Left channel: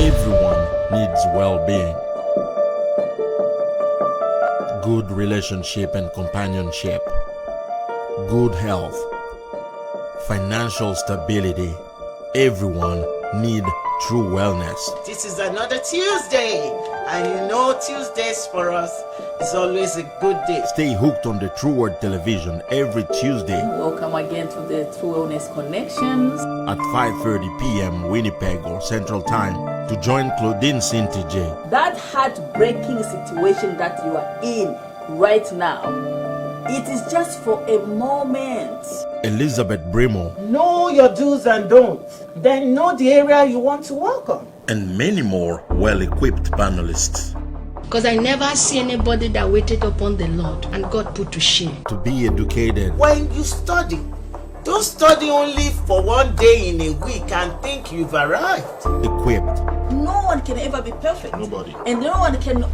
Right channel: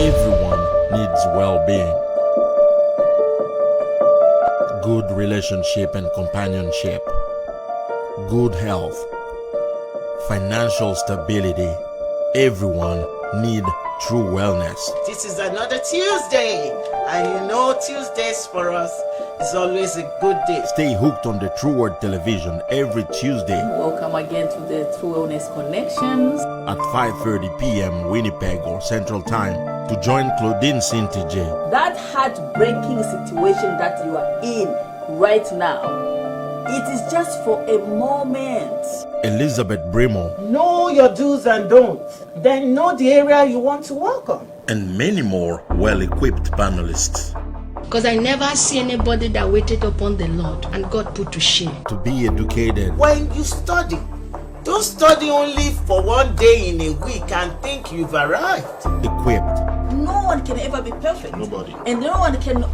Everyone needs well-being, good relationship and companionship, good health, financial stability. Everyone needs true wellness. This is another Tuesday, and you know Tuesdays for us is always a good day. Stay hooked on the True Word Television every Tuesday. Welcome again to the True Wellness Connections at 5:30 p.m. Winnipeg or Central Time to join Claudine CINTIJE. That heartbreaking situation that you are in right now, it is just for a moment. Elizabeth BRIMOH. Know your do's and don'ts. Then know the area you want to work on. And many more well-equipped panelists. Because I never see anybody that waited upon the Lord and God put to shame. To be educated. When you study, don't study only for one day in a week and think you've arrived. Equipped. No one can ever be perfect. Nobody. And no one can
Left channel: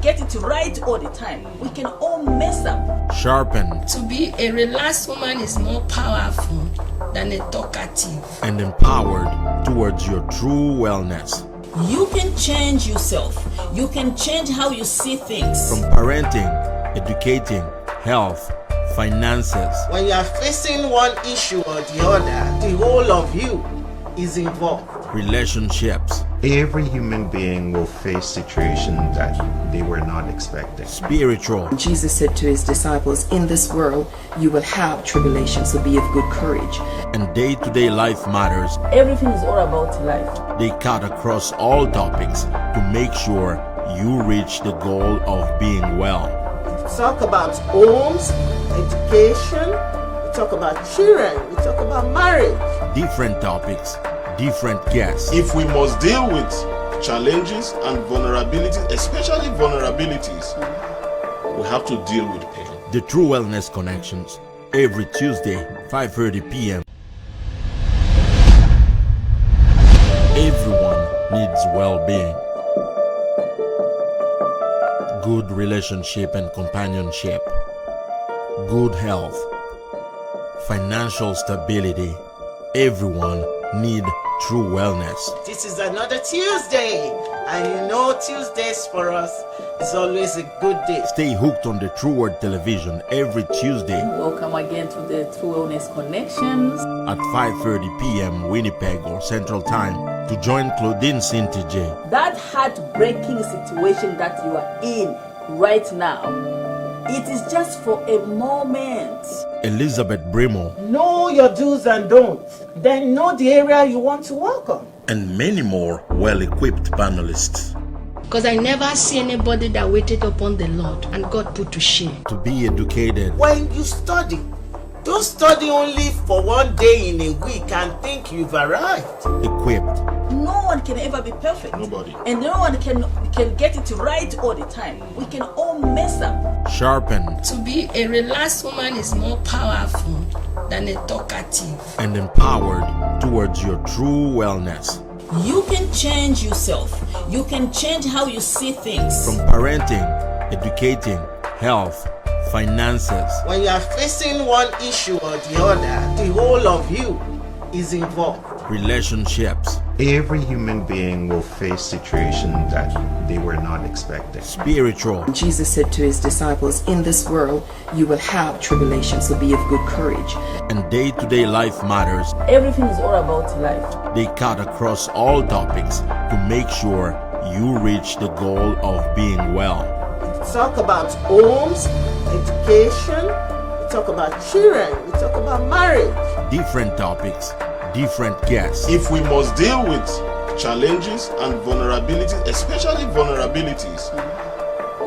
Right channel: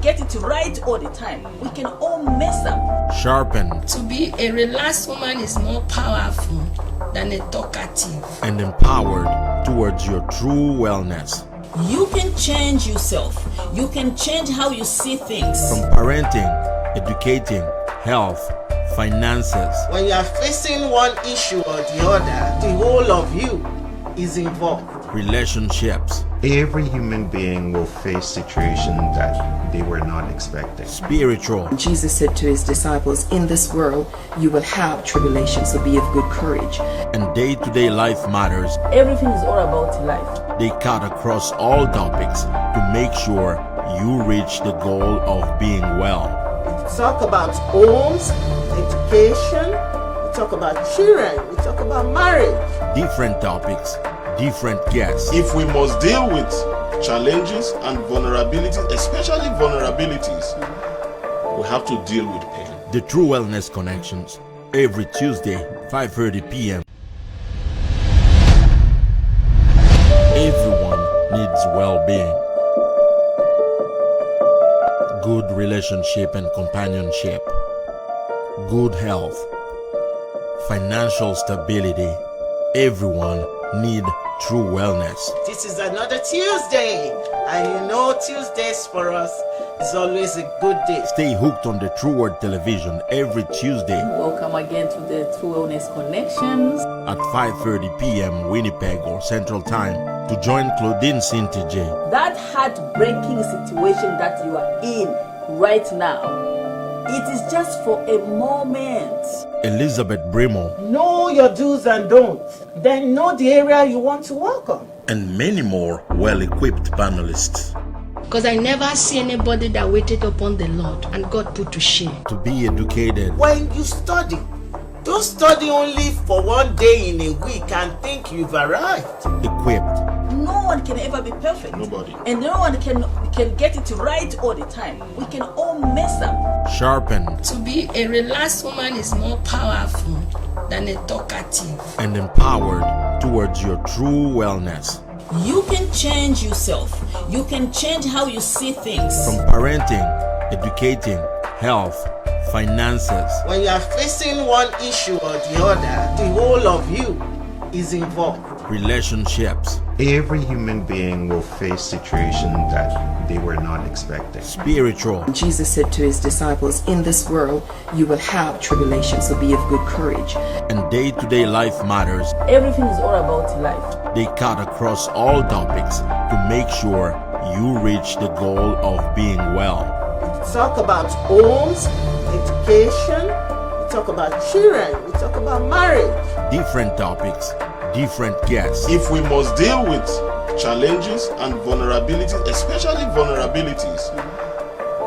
get it right all the time. We can all mess up. Sharpened. To be a relaxed woman is more powerful than a talkative. And empowered towards your true wellness. You can change yourself. You can change how you see things. From parenting, educating, health, finances. When you are facing one issue or the other, the whole of you is involved. Relationships. Every human being will face situations that they were not expecting. Spiritual. Jesus said to his disciples, in this world you will have tribulation, so be of good courage. And day-to-day life matters. Everything is all about life. They cut across all topics to make sure you reach the goal of being well. We talk about homes, education, we talk about children, we talk about marriage. Different topics, different guests. If we must deal with challenges and vulnerabilities, especially vulnerabilities, we have to deal with pain. The True Wellness Connections, every Tuesday, 5:30 p.m. Everyone needs well-being, good relationship and companionship, good health, financial stability. Everyone needs true wellness. This is another Tuesday, and you know Tuesdays for us is always a good day. Stay hooked on the True Word Television every Tuesday. Welcome again to the True Wellness Connections at 5:30 p.m. Winnipeg or Central Time to join Claudine CINTIJE. That heartbreaking situation that you are in right now, it is just for a moment. Elizabeth BRIMOH. Know your do's and don'ts. Then know the area you want to work on. And many more well-equipped panelists. Because I never see anybody that waited upon the Lord and God put to shame. To be educated. When you study, don't study only for one day in a week and think you've arrived. Equipped. No one can ever be perfect. Nobody. And no one can get it right all the time. We can all mess up. Sharpened. To be a relaxed woman is more powerful than a talkative. And empowered towards your true wellness. You can change yourself. You can change how you see things. From parenting, educating, health, finances. When you are facing one issue or the other, the whole of you is involved. Relationships. Every human being will face situations that they were not expecting. Spiritual. Jesus said to his disciples, in this world you will have tribulation, so be of good courage. And day-to-day life matters. Everything is all about life. They cut across all topics to make sure you reach the goal of being well. We talk about homes, education, we talk about children, we talk about marriage. Different topics, different guests. If we must deal with challenges and vulnerabilities, especially vulnerabilities,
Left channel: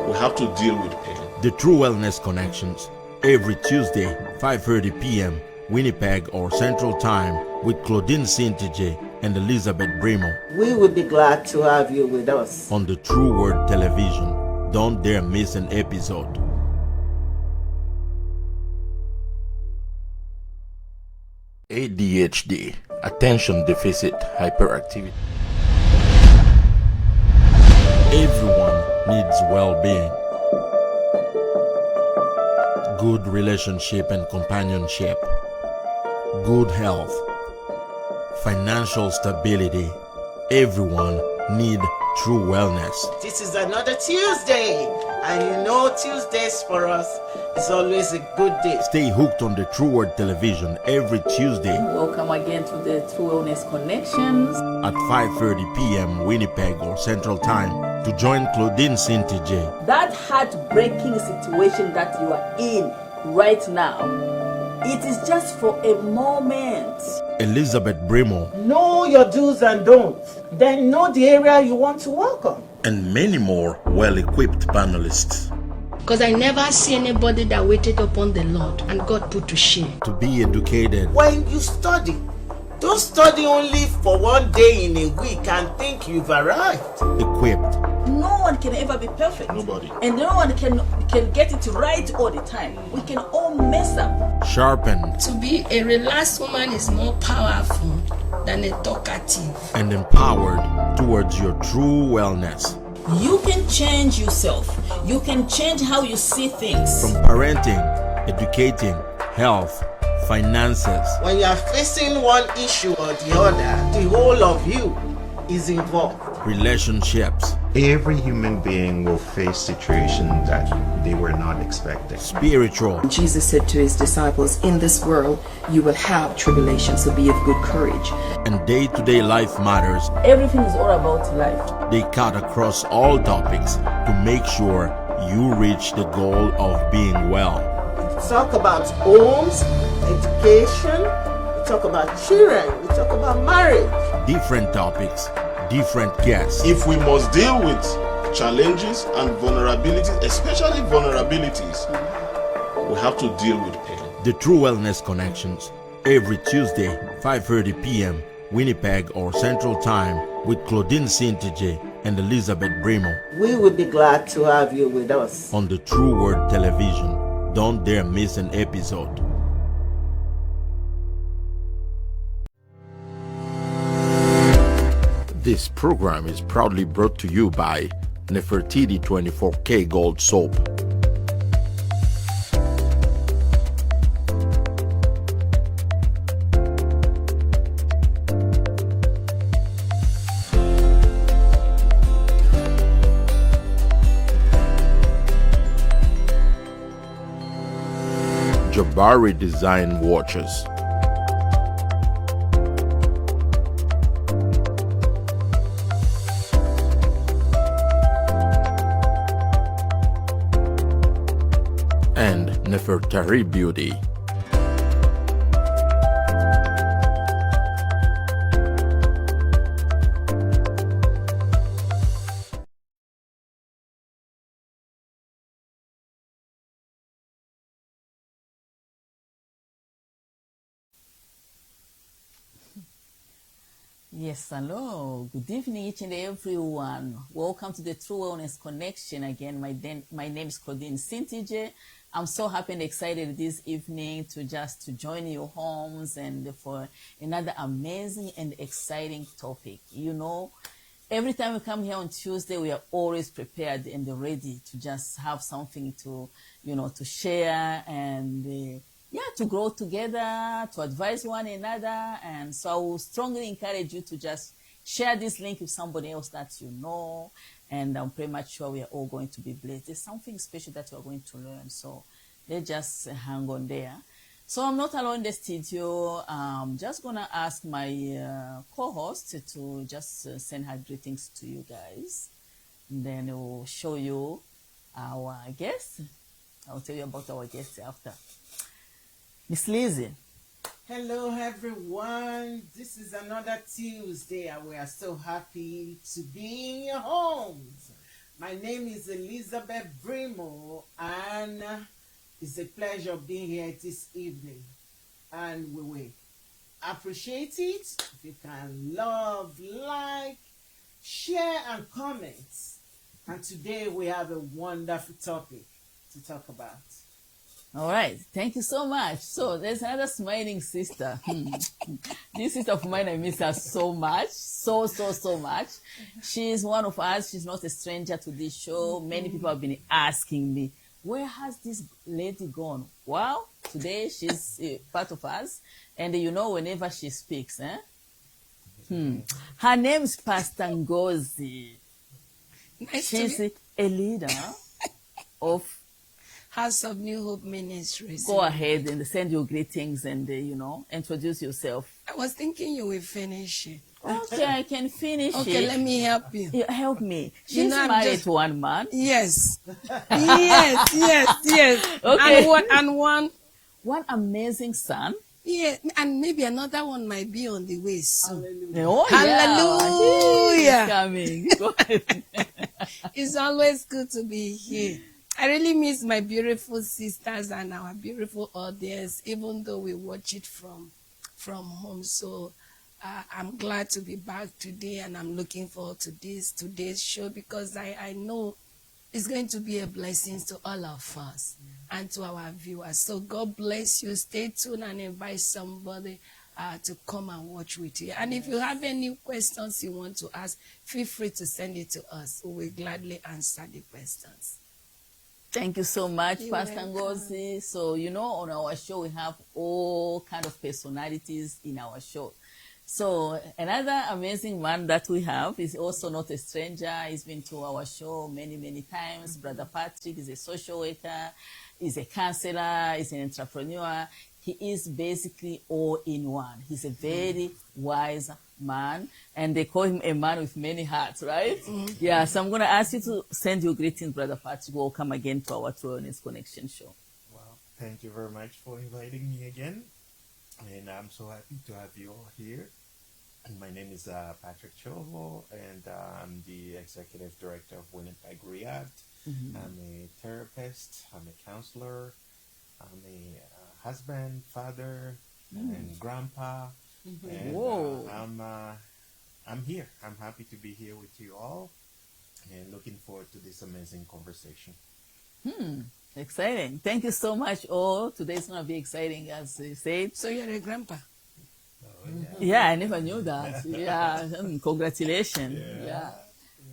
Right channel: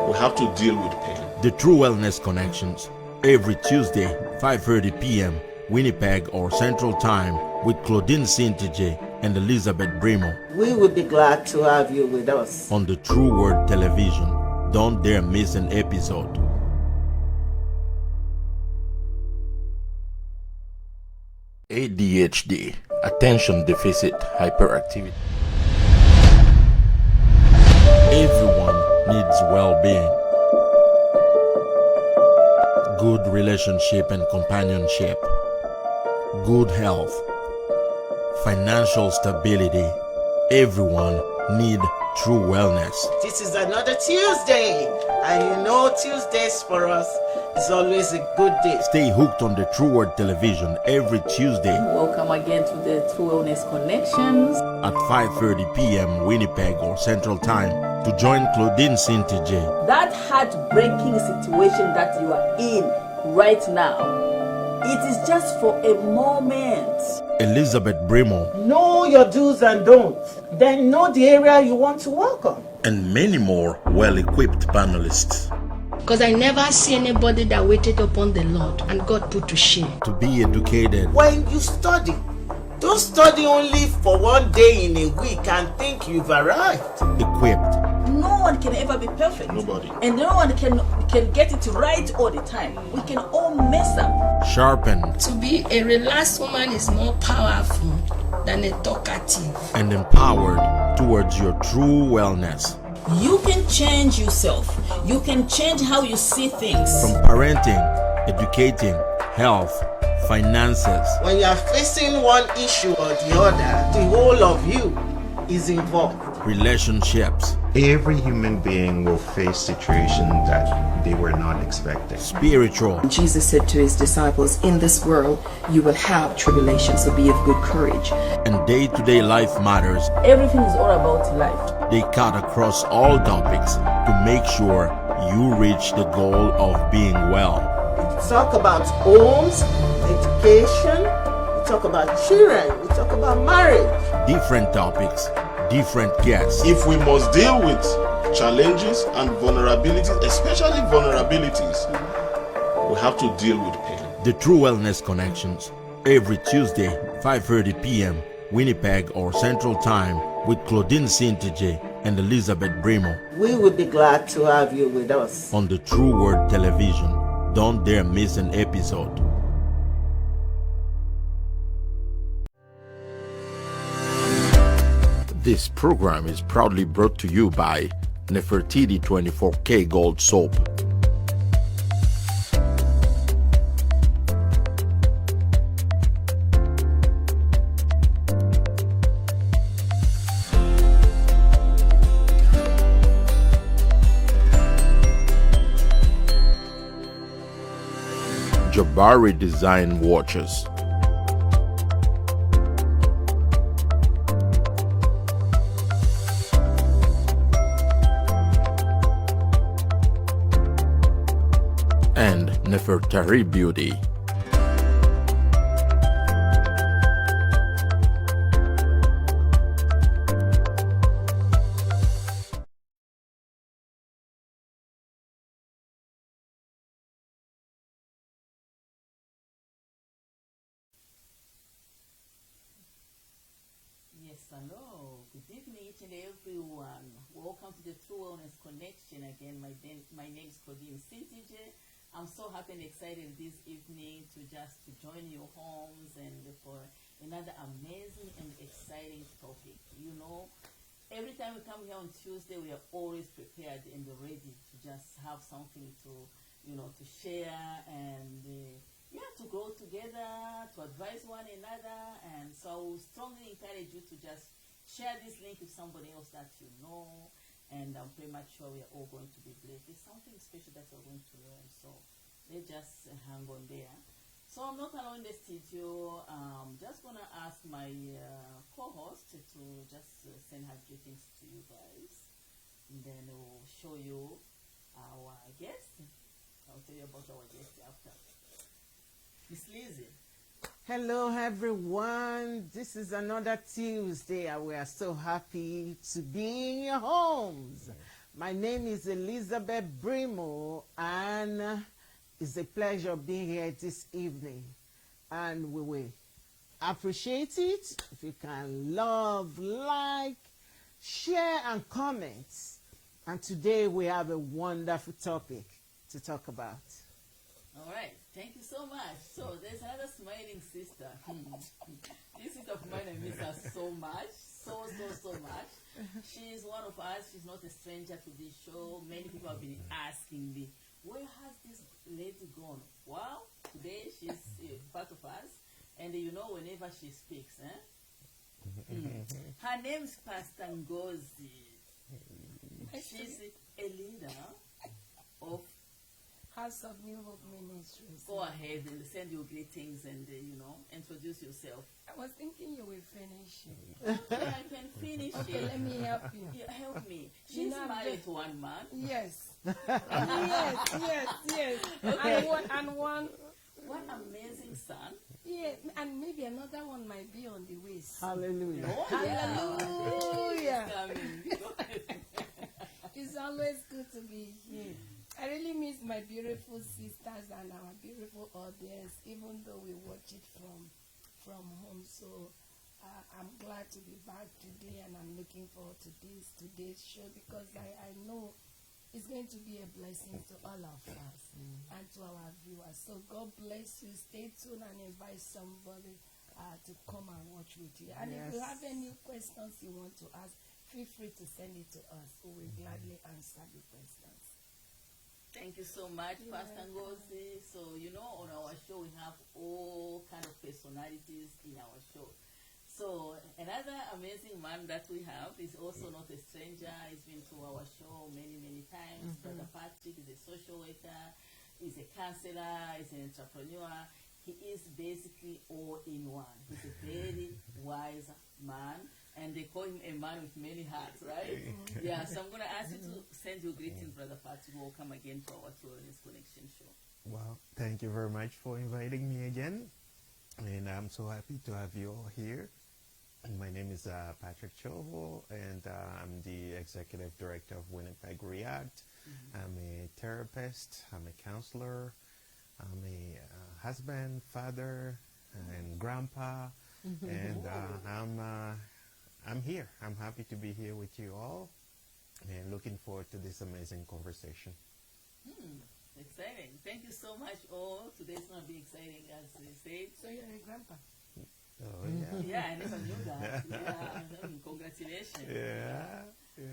we have to deal with pain. The True Wellness Connections, every Tuesday, 5:30 p.m. Winnipeg or Central Time with Claudine CINTIJE and Elizabeth BRIMOH. We would be glad to have you with us on the True Word Television. Don't dare miss an episode. ADHD, attention deficit hyperactivity. Everyone needs well-being, good relationship and companionship, good health, financial stability. Everyone need true wellness. This is another Tuesday, and you know Tuesdays for us is always a good day. Stay hooked on the True Word Television every Tuesday Welcome again to the True Wellness Connections. at 5:30 p.m. Winnipeg or Central Time to join Claudine CINTIJE That heartbreaking situation that you are in right now, it is just for a moment. Elizabeth BRIMOH, Know your do's and don'ts, then know the area you want to work on. and many more well-equipped panelists Because I never see anybody that waited upon the Lord and God put to shame. to be educated, When you study, don't study only for one day in a week and think you've arrived. equipped, No one can ever be perfect. Nobody. And no one can get it right all the time. We can all mess up. sharpened, To be a relaxed woman is more powerful than a talkative. and empowered towards your true wellness. You can change yourself. You can change how you see things. From parenting, educating, health, finances, When you are facing one issue or the other, the whole of you is involved. relationships, Every human being will face situations that they were not expecting. spiritual, Jesus said to his disciples, in this world you will have tribulation, so be of good courage. and day-to-day life matters. Everything is all about life. They cut across all topics to make sure you reach the goal of being well. We talk about homes, education, we talk about children, we talk about marriage. Different topics, different guests. If we must deal with challenges and vulnerabilities, especially vulnerabilities, we have to deal with pain. The True Wellness Connections, every Tuesday, 5:30 p.m. Winnipeg or Central Time with Claudine CINTIJE and Elizabeth BRIMOH We will be glad to have you with us. on the True Word Television. Don't dare miss an episode. This program is proudly brought to you by Nefertiti 24K Gold Soap. Jabari Design Watches. And Nefertari Beauty. Yes, hello. Good evening, each and everyone. Welcome to the True Wellness Connection. Again, my name is Claudine CINTIJE. I'm so happy and excited this evening to join your homes and for another amazing and exciting topic. You know, every time we come here on Tuesday, we are always prepared and ready to just have something to share and to grow together, to advise one another. And so I will strongly encourage you to just share this link with somebody else that you know. And I'm pretty much sure we are all going to be blessed. There's something special that we're going to learn. So let's just hang on there. So I'm not alone in the studio. I'm just going to ask my co-host to just send her greetings to you guys. And then we'll show you our guests. I'll tell you about our guests after. Miss Lizzie. Hello, everyone. This is another Tuesday, and we are so happy to be in your homes. My name is Elizabeth BRIMOH, and it's a pleasure being here this evening. And we will appreciate it if you can love, like, share, and comment. And today we have a wonderful topic to talk about. All right. Thank you so much. So there's another smiling sister. This sister of mine, I miss her so much. So much. She's one of us. She's not a stranger to this show. Many people have been asking me, where has this lady gone? Well, today she's part of us. And you know, whenever she speaks, Her name is Pastor Ngozi. Nice to She's meet a leader of. House of New Hope Ministries. Go ahead and send your greetings and, introduce yourself. I was thinking you will finish it. Okay, I can finish it. Okay, let me help you. Yeah, help me. You She's know, I'm married just- to one man. Yes. yes. Okay. And one, One amazing son. yeah, and maybe another one might be on the way soon. Hallelujah. Oh, Hallelujah. Yeah. He's coming. Go ahead. It's always good to be here. I really miss my beautiful sisters and our beautiful audience, even though we watch it from home. So I'm glad to be back today, and I'm looking forward to today's show, because I know it's going to be a blessing to all of us and to our viewers. So God bless you. Stay tuned and invite somebody to come and watch with you. And if you have any questions you want to ask, feel free to send it to us. We will gladly answer the questions. Thank you so much, You're Pastor welcome. Ngozi. So, on our show, we have all kind of personalities in our show. So, another amazing man that we have is also not a stranger. He's been to our show many, many times. Brother Patrick is a social worker, he's a counselor, he's an entrepreneur. He is basically all in one. He's a very wise man, and they call him a man with many hearts, right? Yeah, so I'm going to ask you to send your greetings, Brother Patrick. Welcome again to our True Wellness Connection show. Well, thank you very much for inviting me again. And I'm so happy to have you all here. And my name is Patrick TSHIOVO, and I'm the Executive Director of Winnipeg React. I'm a therapist, I'm a counselor, I'm a husband, father, and grandpa. And Whoa. I'm here. I'm happy to be here with you all, and looking forward to this amazing conversation. Exciting. Thank you so much, all. Today's going to be exciting, as they said. So you're a grandpa. Oh, Yeah, I never knew that. Yeah, congratulations. Yeah.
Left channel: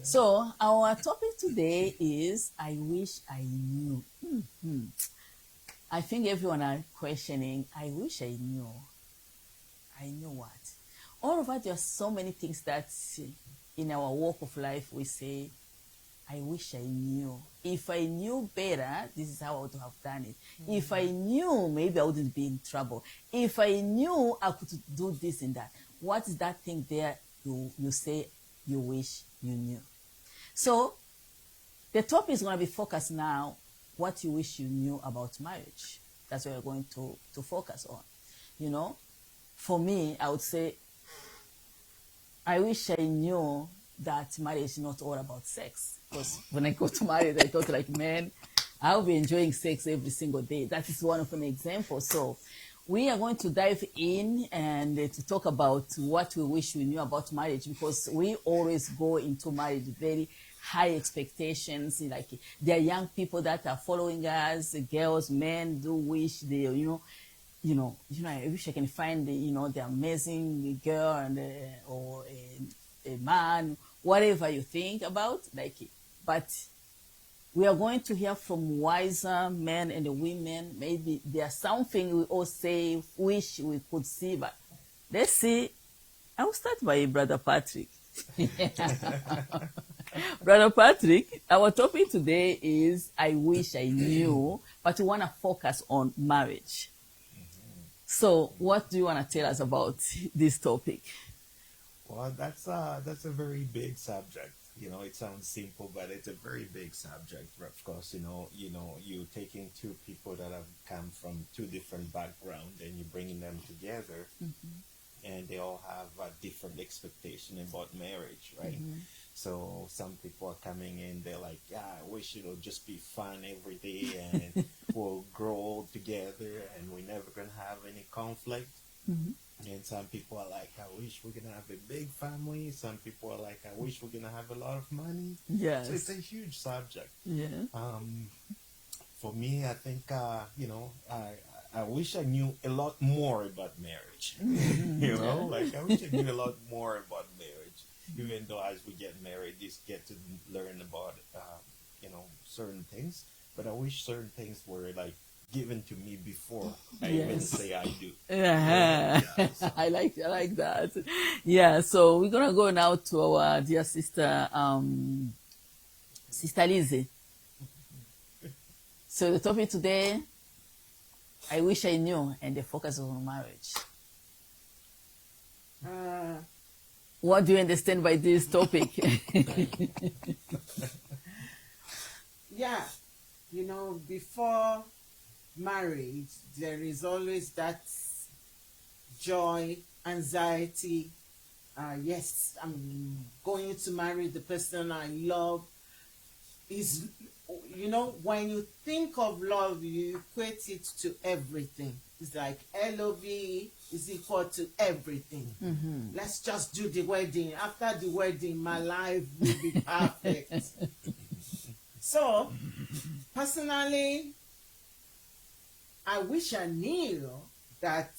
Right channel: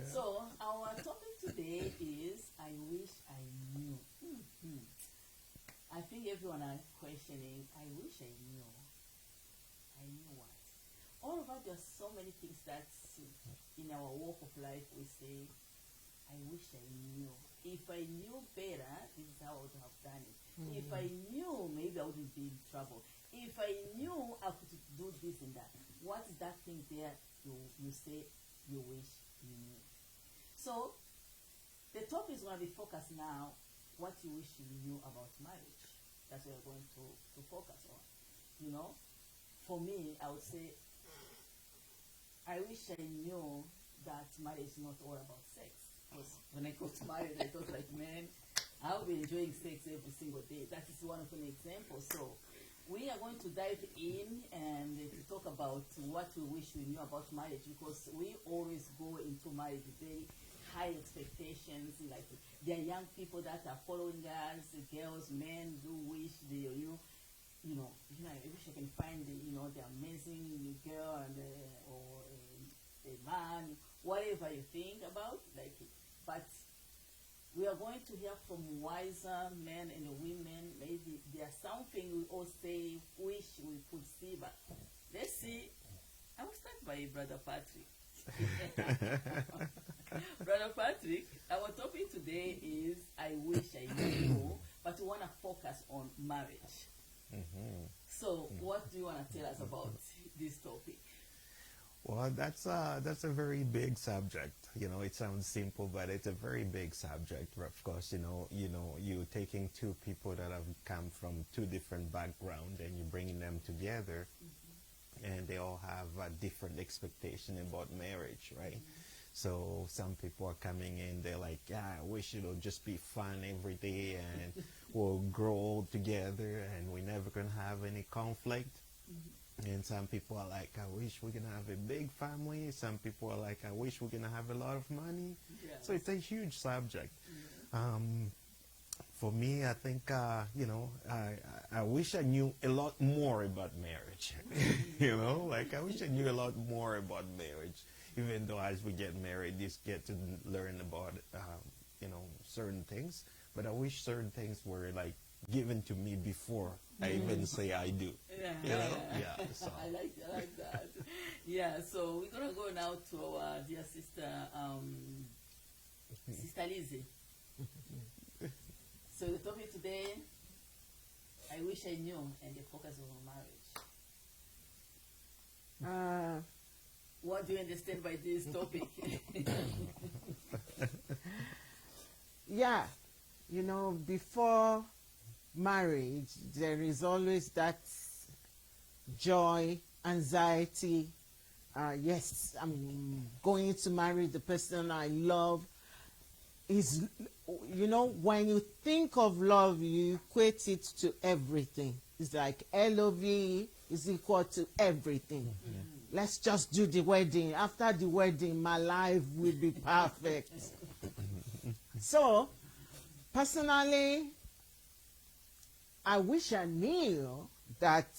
So our topic today is I wish I knew. I think everyone are questioning, I wish I knew. I knew what? All of us, there are so many things that in our walk of life we say, I wish I knew. If I knew better, this is how I would have done it. If I knew, maybe I wouldn't be in trouble. If I knew, I could do this and that. What is that thing there you say you wish you knew? So the topic is going to be focused now, what you wish you knew about marriage. That's what we're going to focus on. For me, I would say, I wish I knew that marriage is not all about sex. Because when I got married, I thought like, man, I'll be enjoying sex every single day. That is one of an example. So we are going to dive in and to talk about what we wish we knew about marriage, because we always go into marriage very high expectations. Like there are young people that are following us, girls, men do wish they, I wish I can find the amazing girl and or a man, whatever you think about, but we are going to hear from wiser men and women. Maybe there's something we all say, wish we could see, but let's see. I will start by Brother Patrick. Brother Patrick, our topic today is I wish I knew, but we want to focus on marriage. So what do you want to tell us about this topic? Well, that's a very big subject. It sounds simple, but it's a very big subject. Of course, you're taking two people that have come from two different backgrounds and you're bringing them together, and they all have a different expectation about marriage, right? So some people are coming in, they're like, yeah, I wish it'll just be fun every day and we'll grow old together and we're never going to have any conflict. And some people are like, I wish we're going to have a big family. Some people are like, I wish we're going to have a lot of money. Yes. So it's a huge subject. Yeah. For me, I think, I wish I knew a lot more about marriage. I wish I knew a lot more about marriage. Even though as we get married, you get to learn about, certain things. But I wish certain things were given to me before I even say I do. Yeah. So. I like that. Yeah, so we're gonna go now to our dear sister, Sister Lizzie. So the topic today, I wish I knew, and the focus is on marriage. What do you understand by this topic? Yeah, you know, before marriage, there is always that joy, anxiety. Yes, I'm going to marry the person I love. Is, you know, when you think of love, you equate it to everything. It's like LOVE is equal to everything. Let's just do the wedding. After the wedding, my life will be perfect. So, personally, I wish I knew that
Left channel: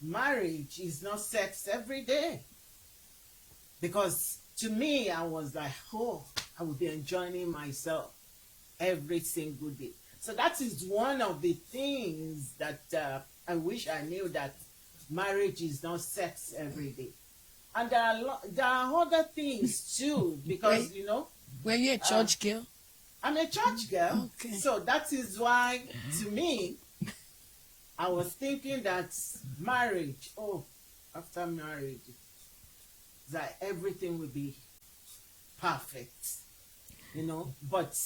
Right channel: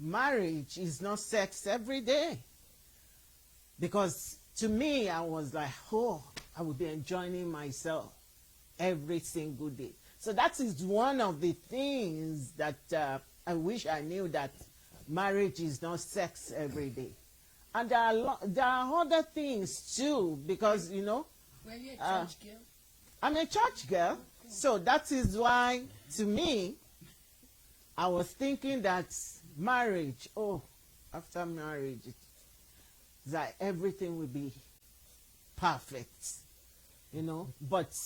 marriage is not sex every day. Because to me, I was like, oh, I would be enjoying myself every single day. So that is one of the things that I wish I knew, that marriage is not sex every day. And there are other things too, because, you know, Were you a church girl? I'm a church girl. Okay. So that is why, to me, I was thinking that marriage, after marriage, that everything will be perfect, you know. But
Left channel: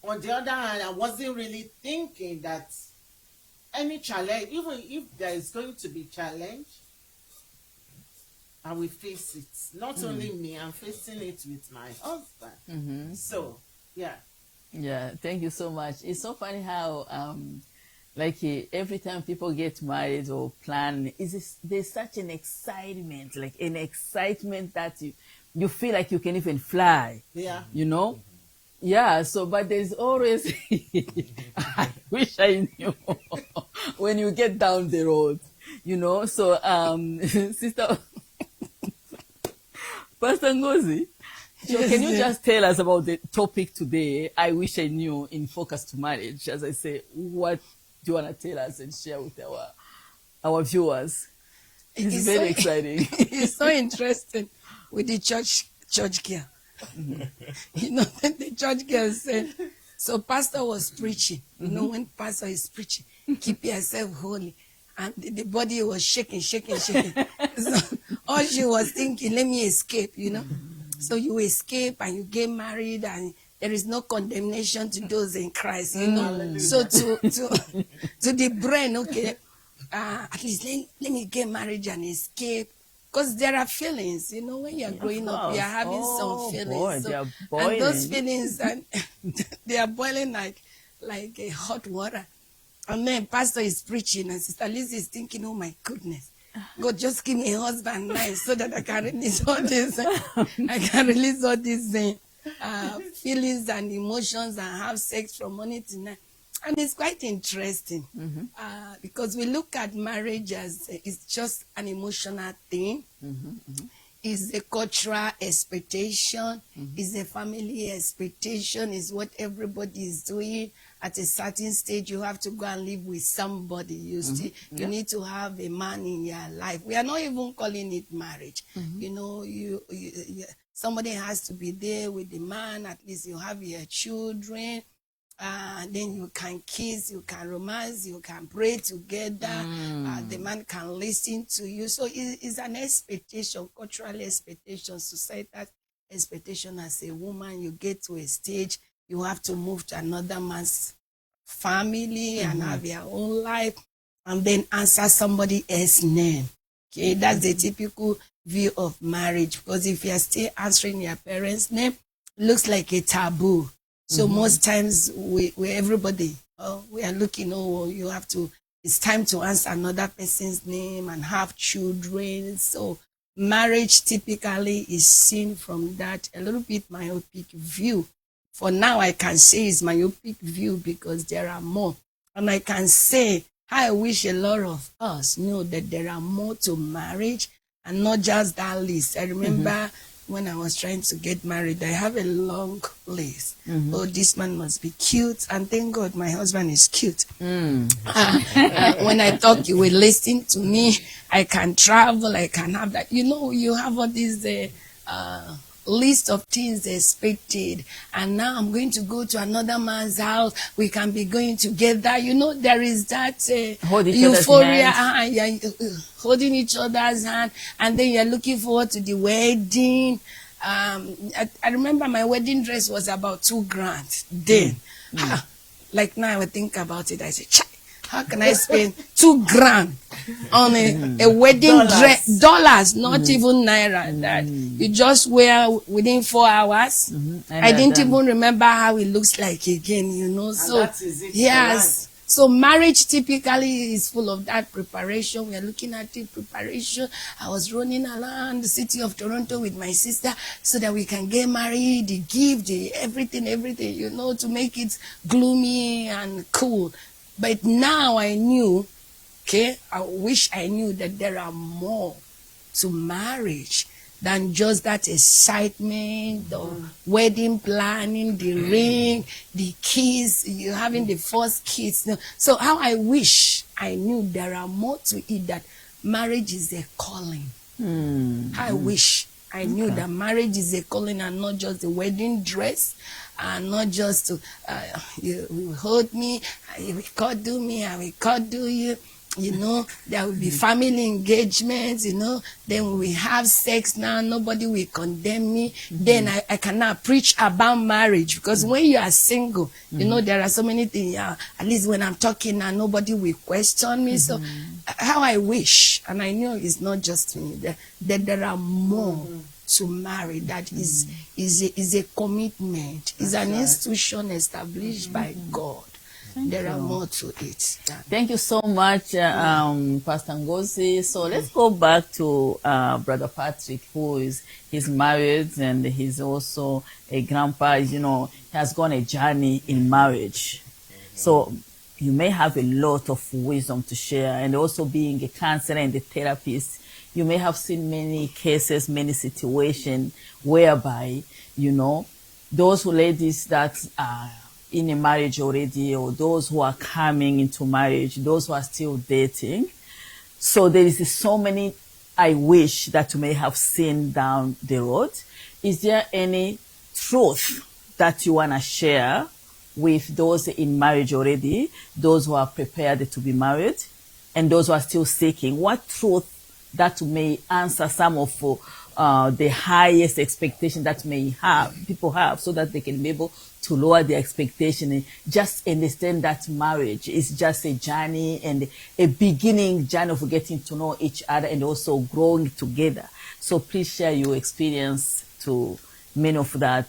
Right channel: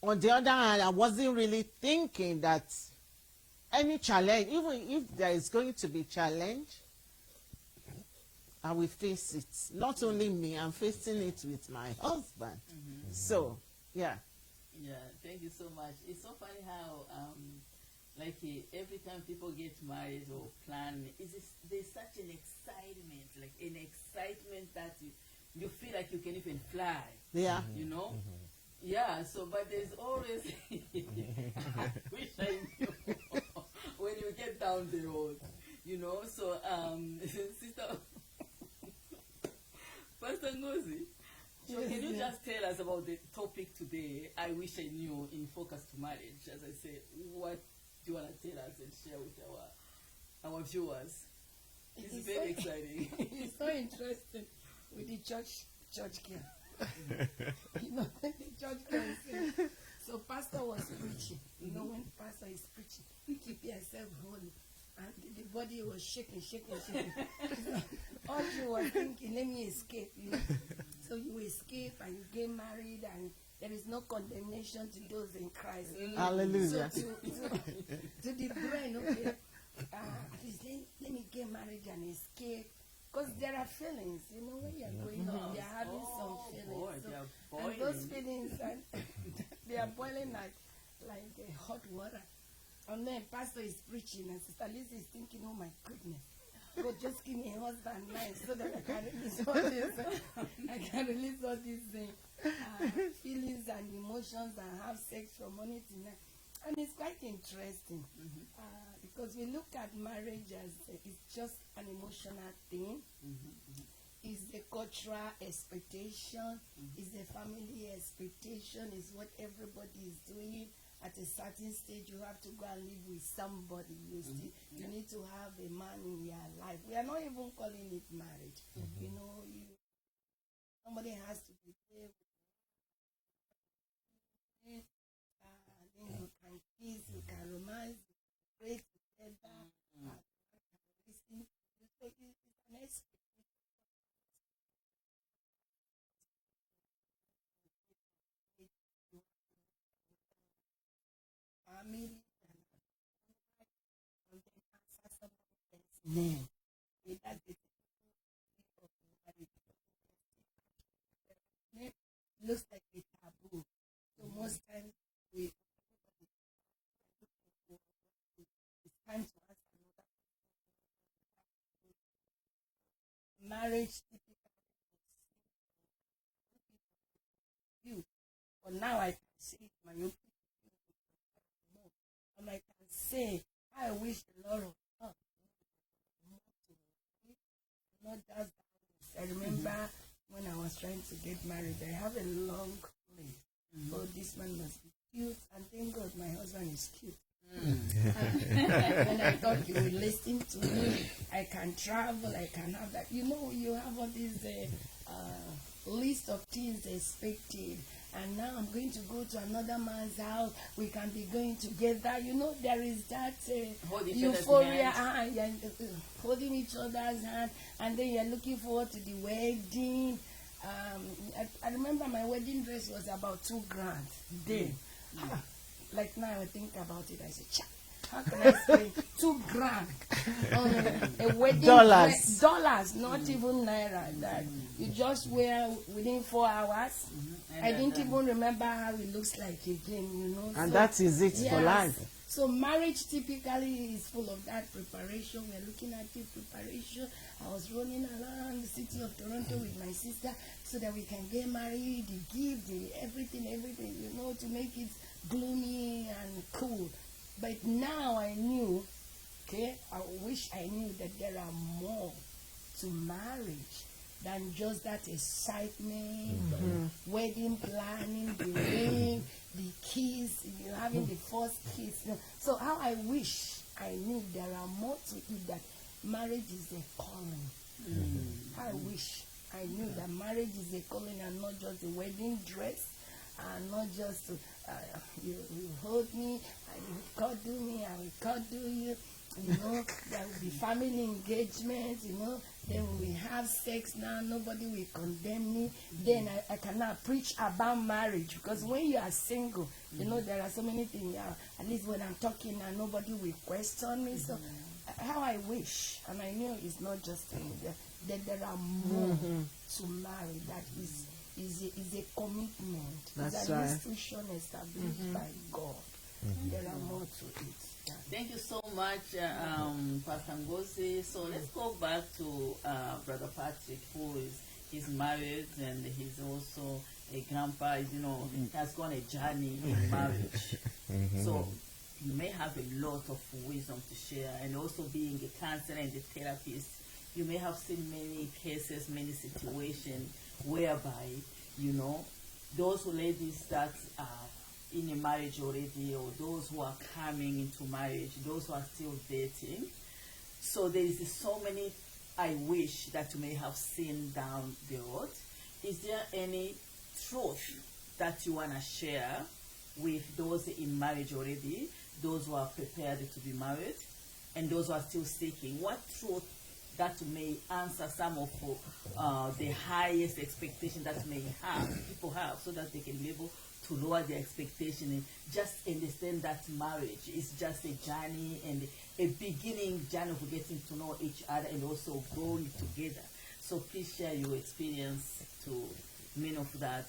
on the other hand, I wasn't really thinking that any challenge, even if there is going to be challenge, I will face it. Not only me, I'm facing it with my husband. So, yeah. Yeah, thank you so much. It's so funny how, every time people get married or plan, there's such an excitement, like an excitement that you feel like you can even fly. Yeah. You know? Yeah, so, but there's always, I wish I knew, when you get down the road, you know? So, Sister, Pastor Ngozi, so can you just tell us about the topic today, I wish I knew, in focus to marriage? As I say, what do you want to tell us and share with our viewers? It's very exciting. It's so interesting with the church girl. You know, the church girl said, so pastor was preaching. You know, when pastor is preaching, keep yourself holy. And the body was shaking. So all she was thinking, let me escape, you know. So you escape and you get married, and there is no condemnation to those in Christ, you know. So to the brain, okay, at least let me get married and escape. Because there are feelings, you know, when you're growing up, you're having some feelings. Boy, so, and those feelings, they are boiling like a hot water. And then pastor is preaching, and Sister Liz is thinking, oh my goodness, God, just give me a husband nice so that I can release all this. Feelings and emotions and have sex from morning to night. And it's quite interesting because we look at marriage as it's just an emotional thing. It's a cultural expectation. It's a family expectation. It's what everybody is doing. At a certain stage, you have to go and live with somebody. You need to have a man in your life. We are not even calling it marriage. You know, you somebody has to be there with the man. At least you have your children. Then you can kiss, you can romance, you can pray together. The man can listen to you. So it's an expectation, cultural expectation, societal expectation. As a woman, you get to a stage, you have to move to another man's family and have your own life, and then answer somebody else's name. Okay, that's the typical view of marriage. Because if you are still answering your parents' name, it looks like a taboo. So most times we everybody, we are looking, you have to, it's time to answer another person's name and have children. So marriage typically is seen from that a little bit myopic view. For now, I can say it's myopic view because there are more. And I can say, I wish a lot of us know that there are more to marriage and not just that list. I remember when I was trying to get married, I have a long list. Oh, this man must be cute. And thank God my husband is cute. When I talk, you will listen to me. I can travel. I can have that. You know, you have all these list of things expected. And now I'm going to go to another man's house. We can be going together. You know, there is that euphoria. Holding each other's hand. And then you're looking forward to the wedding. I remember my wedding dress was about $2,000 then. Like now I would think about it, I say, how can I spend $2,000 on a wedding dress? Dollars, not even naira. That you just wear within 4 hours. I didn't even remember how it looks like again, you know. And so that is it. yes. So marriage typically is full of that preparation. We are looking at the preparation. I was running around the city of Toronto with my sister so that we can get married, the gift, everything, you know, to make it gloomy and cool. But now I knew, I wish I knew that there are more to marriage than just that excitement, the wedding planning, the ring, the kiss, you having the first kiss. So how I wish I knew there are more to it, that marriage is a calling. I wish I knew that marriage is a calling and not just the wedding dress, and not just to, you will hold me, you will cuddle me, I will cuddle you. You know, there will be family engagements, you know, then we have sex now, nobody will condemn me. Then I cannot preach about marriage, because when you are single, you know, there are so many things, at least when I'm talking now, nobody will question me. So how I wish, and I know it's not just me, that there are more to marry, that is a commitment, is an institution established by God. There are more to it. Thank you so much, Pastor Ngozi. So let's go back to Brother Patrick, he's married and he's also a grandpa. You know, he has gone a journey in marriage. So you may have a lot of wisdom to share, and also being a counselor and a therapist, you may have seen many cases, many situations whereby, you know, those ladies that are in a marriage already, or those who are coming into marriage, those who are still dating. So there is so many I wish that you may have seen down the road. Is there any truth that you want to share with those in marriage already, those who are prepared to be married, and those who are still seeking? What truth that may answer some of the highest expectation that people have, so that they can be able to lower their expectation and just understand that marriage is just a journey and a beginning journey of getting to know each other and also growing together. So please share your experience to many of that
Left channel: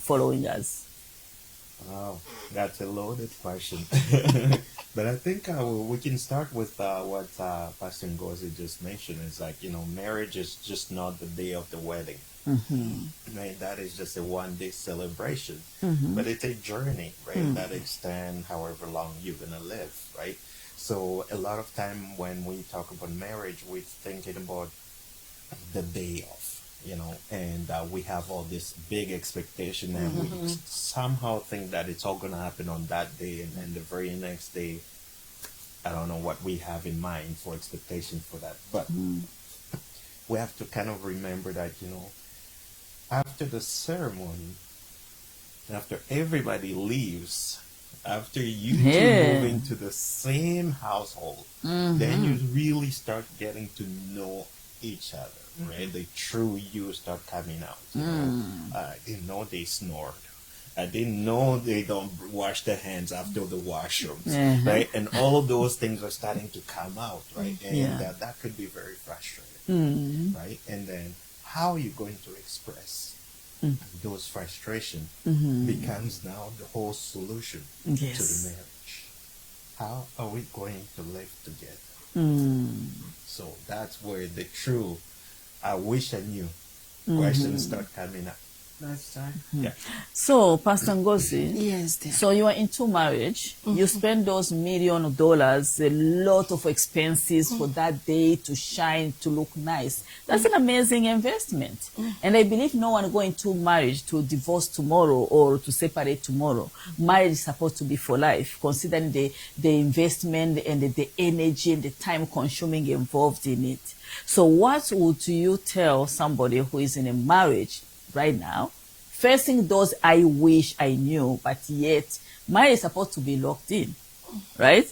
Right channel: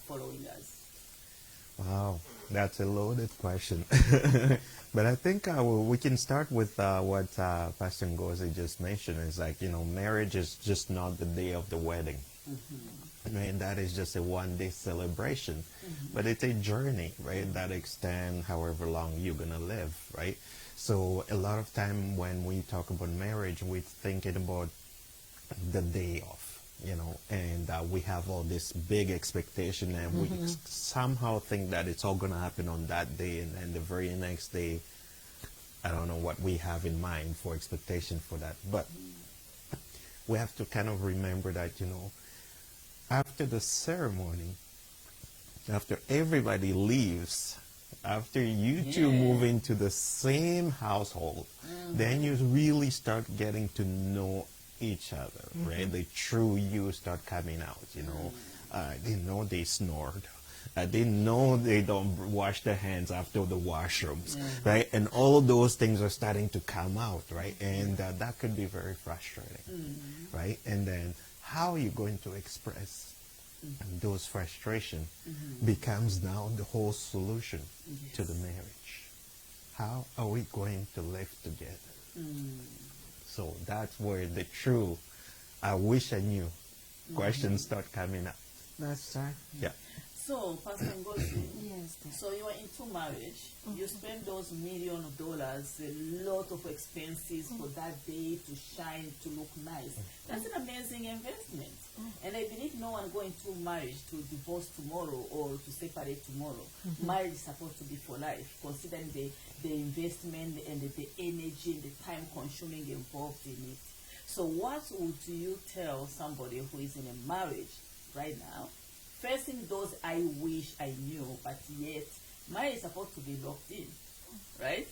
following us. Wow, that's a loaded question. But I think we can start with what Pastor Ngozi just mentioned. Is like, you know, marriage is just not the day of the wedding. And that is just a one-day celebration. But it's a journey, right? That extends however long you're going to live, right? So a lot of time when we talk about marriage, we're thinking about the day of, you know, and we have all this big expectation, and we somehow think that it's all going to happen on that day, and then the very next day, I don't know what we have in mind for expectation for that. But we have to kind of remember that, you know, after the ceremony, after everybody leaves, after you two move into the same household, then you really start getting to know each other, right? The true you start coming out. You know, I didn't know they snored. I didn't know they don't wash their hands after the washrooms, right? And all of those things are starting to come out, right? And that could be very frustrating, right? And then how are you going to express those frustrations becomes now the whole solution to the marriage. How are we going to live together? So that's where the true I wish I knew questions start coming up. That's right. Yeah. So, Pastor Ngozi, Yes, dear. so you are into marriage, you spend those $1 million, a lot of expenses for that day to shine, to look nice. That's an amazing investment. And I believe no one going to marriage to divorce tomorrow or to separate tomorrow. Marriage is supposed to be for life, considering the investment and the energy and the time consuming involved in it. So what would you tell somebody who is in a marriage right now, facing those I wish I knew, but yet marriage is supposed to be locked in, right?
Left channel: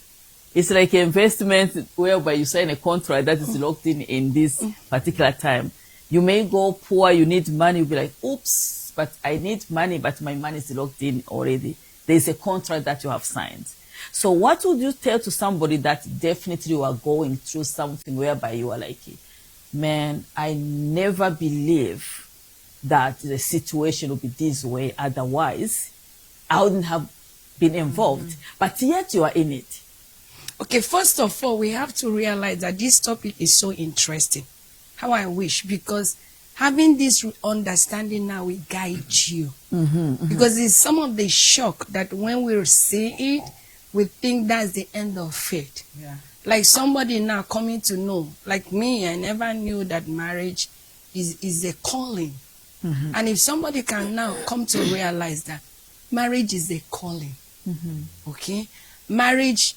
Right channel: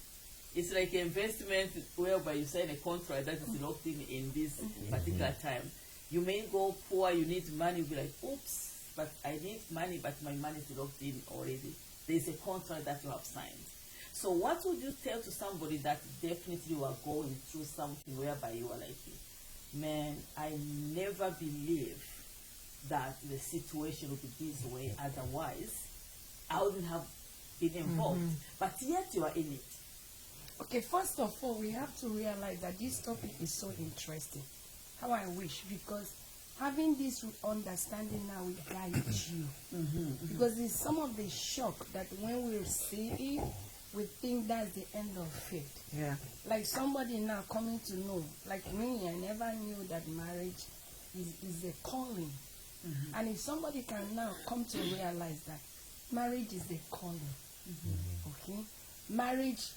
It's like an investment whereby you sign a contract that is locked in this particular time. You may go poor, you need money, you'll be like, oops, but I need money, but my money is locked in already. There's a contract that you have signed. So what would you tell to somebody that definitely you are going through something whereby you are like, man, I never believe that the situation would be this way, otherwise I wouldn't have been involved. But yet you are in it. Okay, first of all, we have to realize that this topic is so interesting. How I wish, because having this understanding now will guide you. Because it's some of the shock that when we see it, we think that's the end of faith. Yeah. Like somebody now coming to know, like me, I never knew that marriage is a calling. And if somebody can now come to realize that marriage is a calling, okay? Marriage,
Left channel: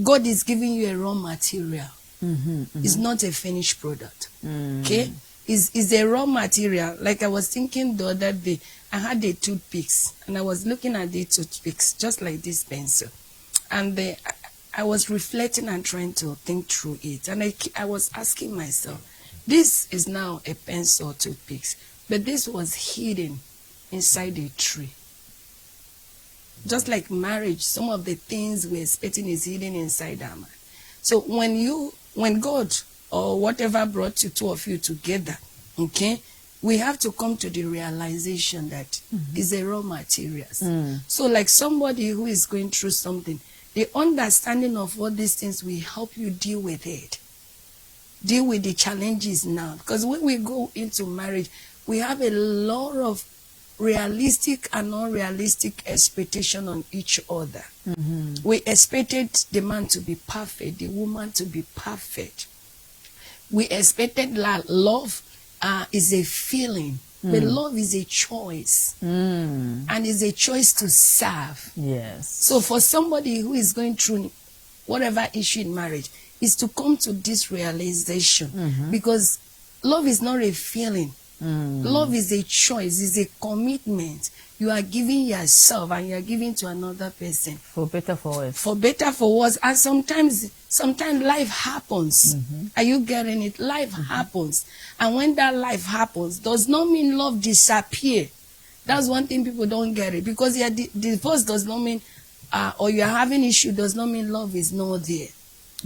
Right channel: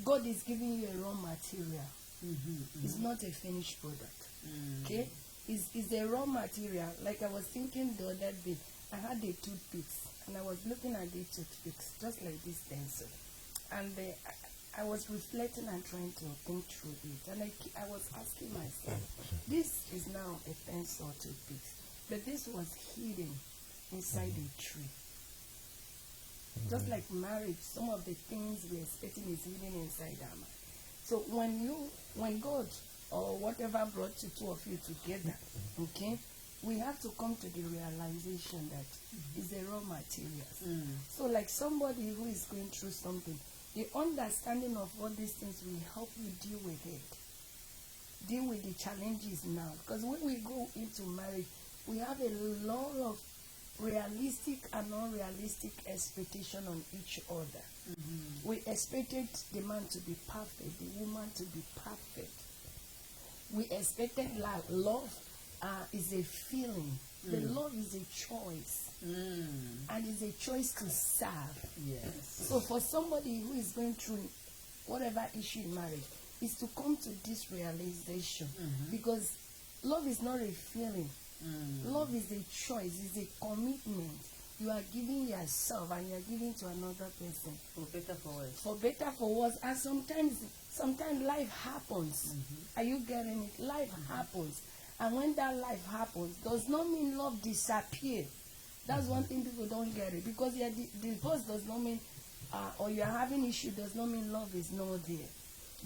God is giving you a raw material. It's not a finished product, okay? It's a raw material. Like I was thinking the other day, I had the toothpicks, and I was looking at the toothpicks, just like this pencil. And I was reflecting and trying to think through it. And I was asking myself, this is now a pencil or toothpicks. But this was hidden inside a tree. Just like marriage, some of the things we're expecting is hidden inside our mind. So when God or whatever brought you, two of you together, okay, we have to come to the realization that it's a raw materials. So like somebody who is going through something, the understanding of all these things will help you deal with it. Deal with the challenges now. Because when we go into marriage, we have a lot of realistic and unrealistic expectation on each other. We expected the man to be perfect, the woman to be perfect. We expected that love is a feeling, but love is a choice. And it's a choice to serve. Yes. So for somebody who is going through whatever issue in marriage, is to come to this realization. Because love is not a feeling. Love is a choice, is a commitment. You are giving yourself and you are giving to another person. For better, for worse. For better, for worse. And sometimes life happens. Are you getting it? Life happens. And when that life happens, does not mean love disappear. That's one thing people don't get it. Because divorce does not mean, or you are having issue, does not mean love is not there.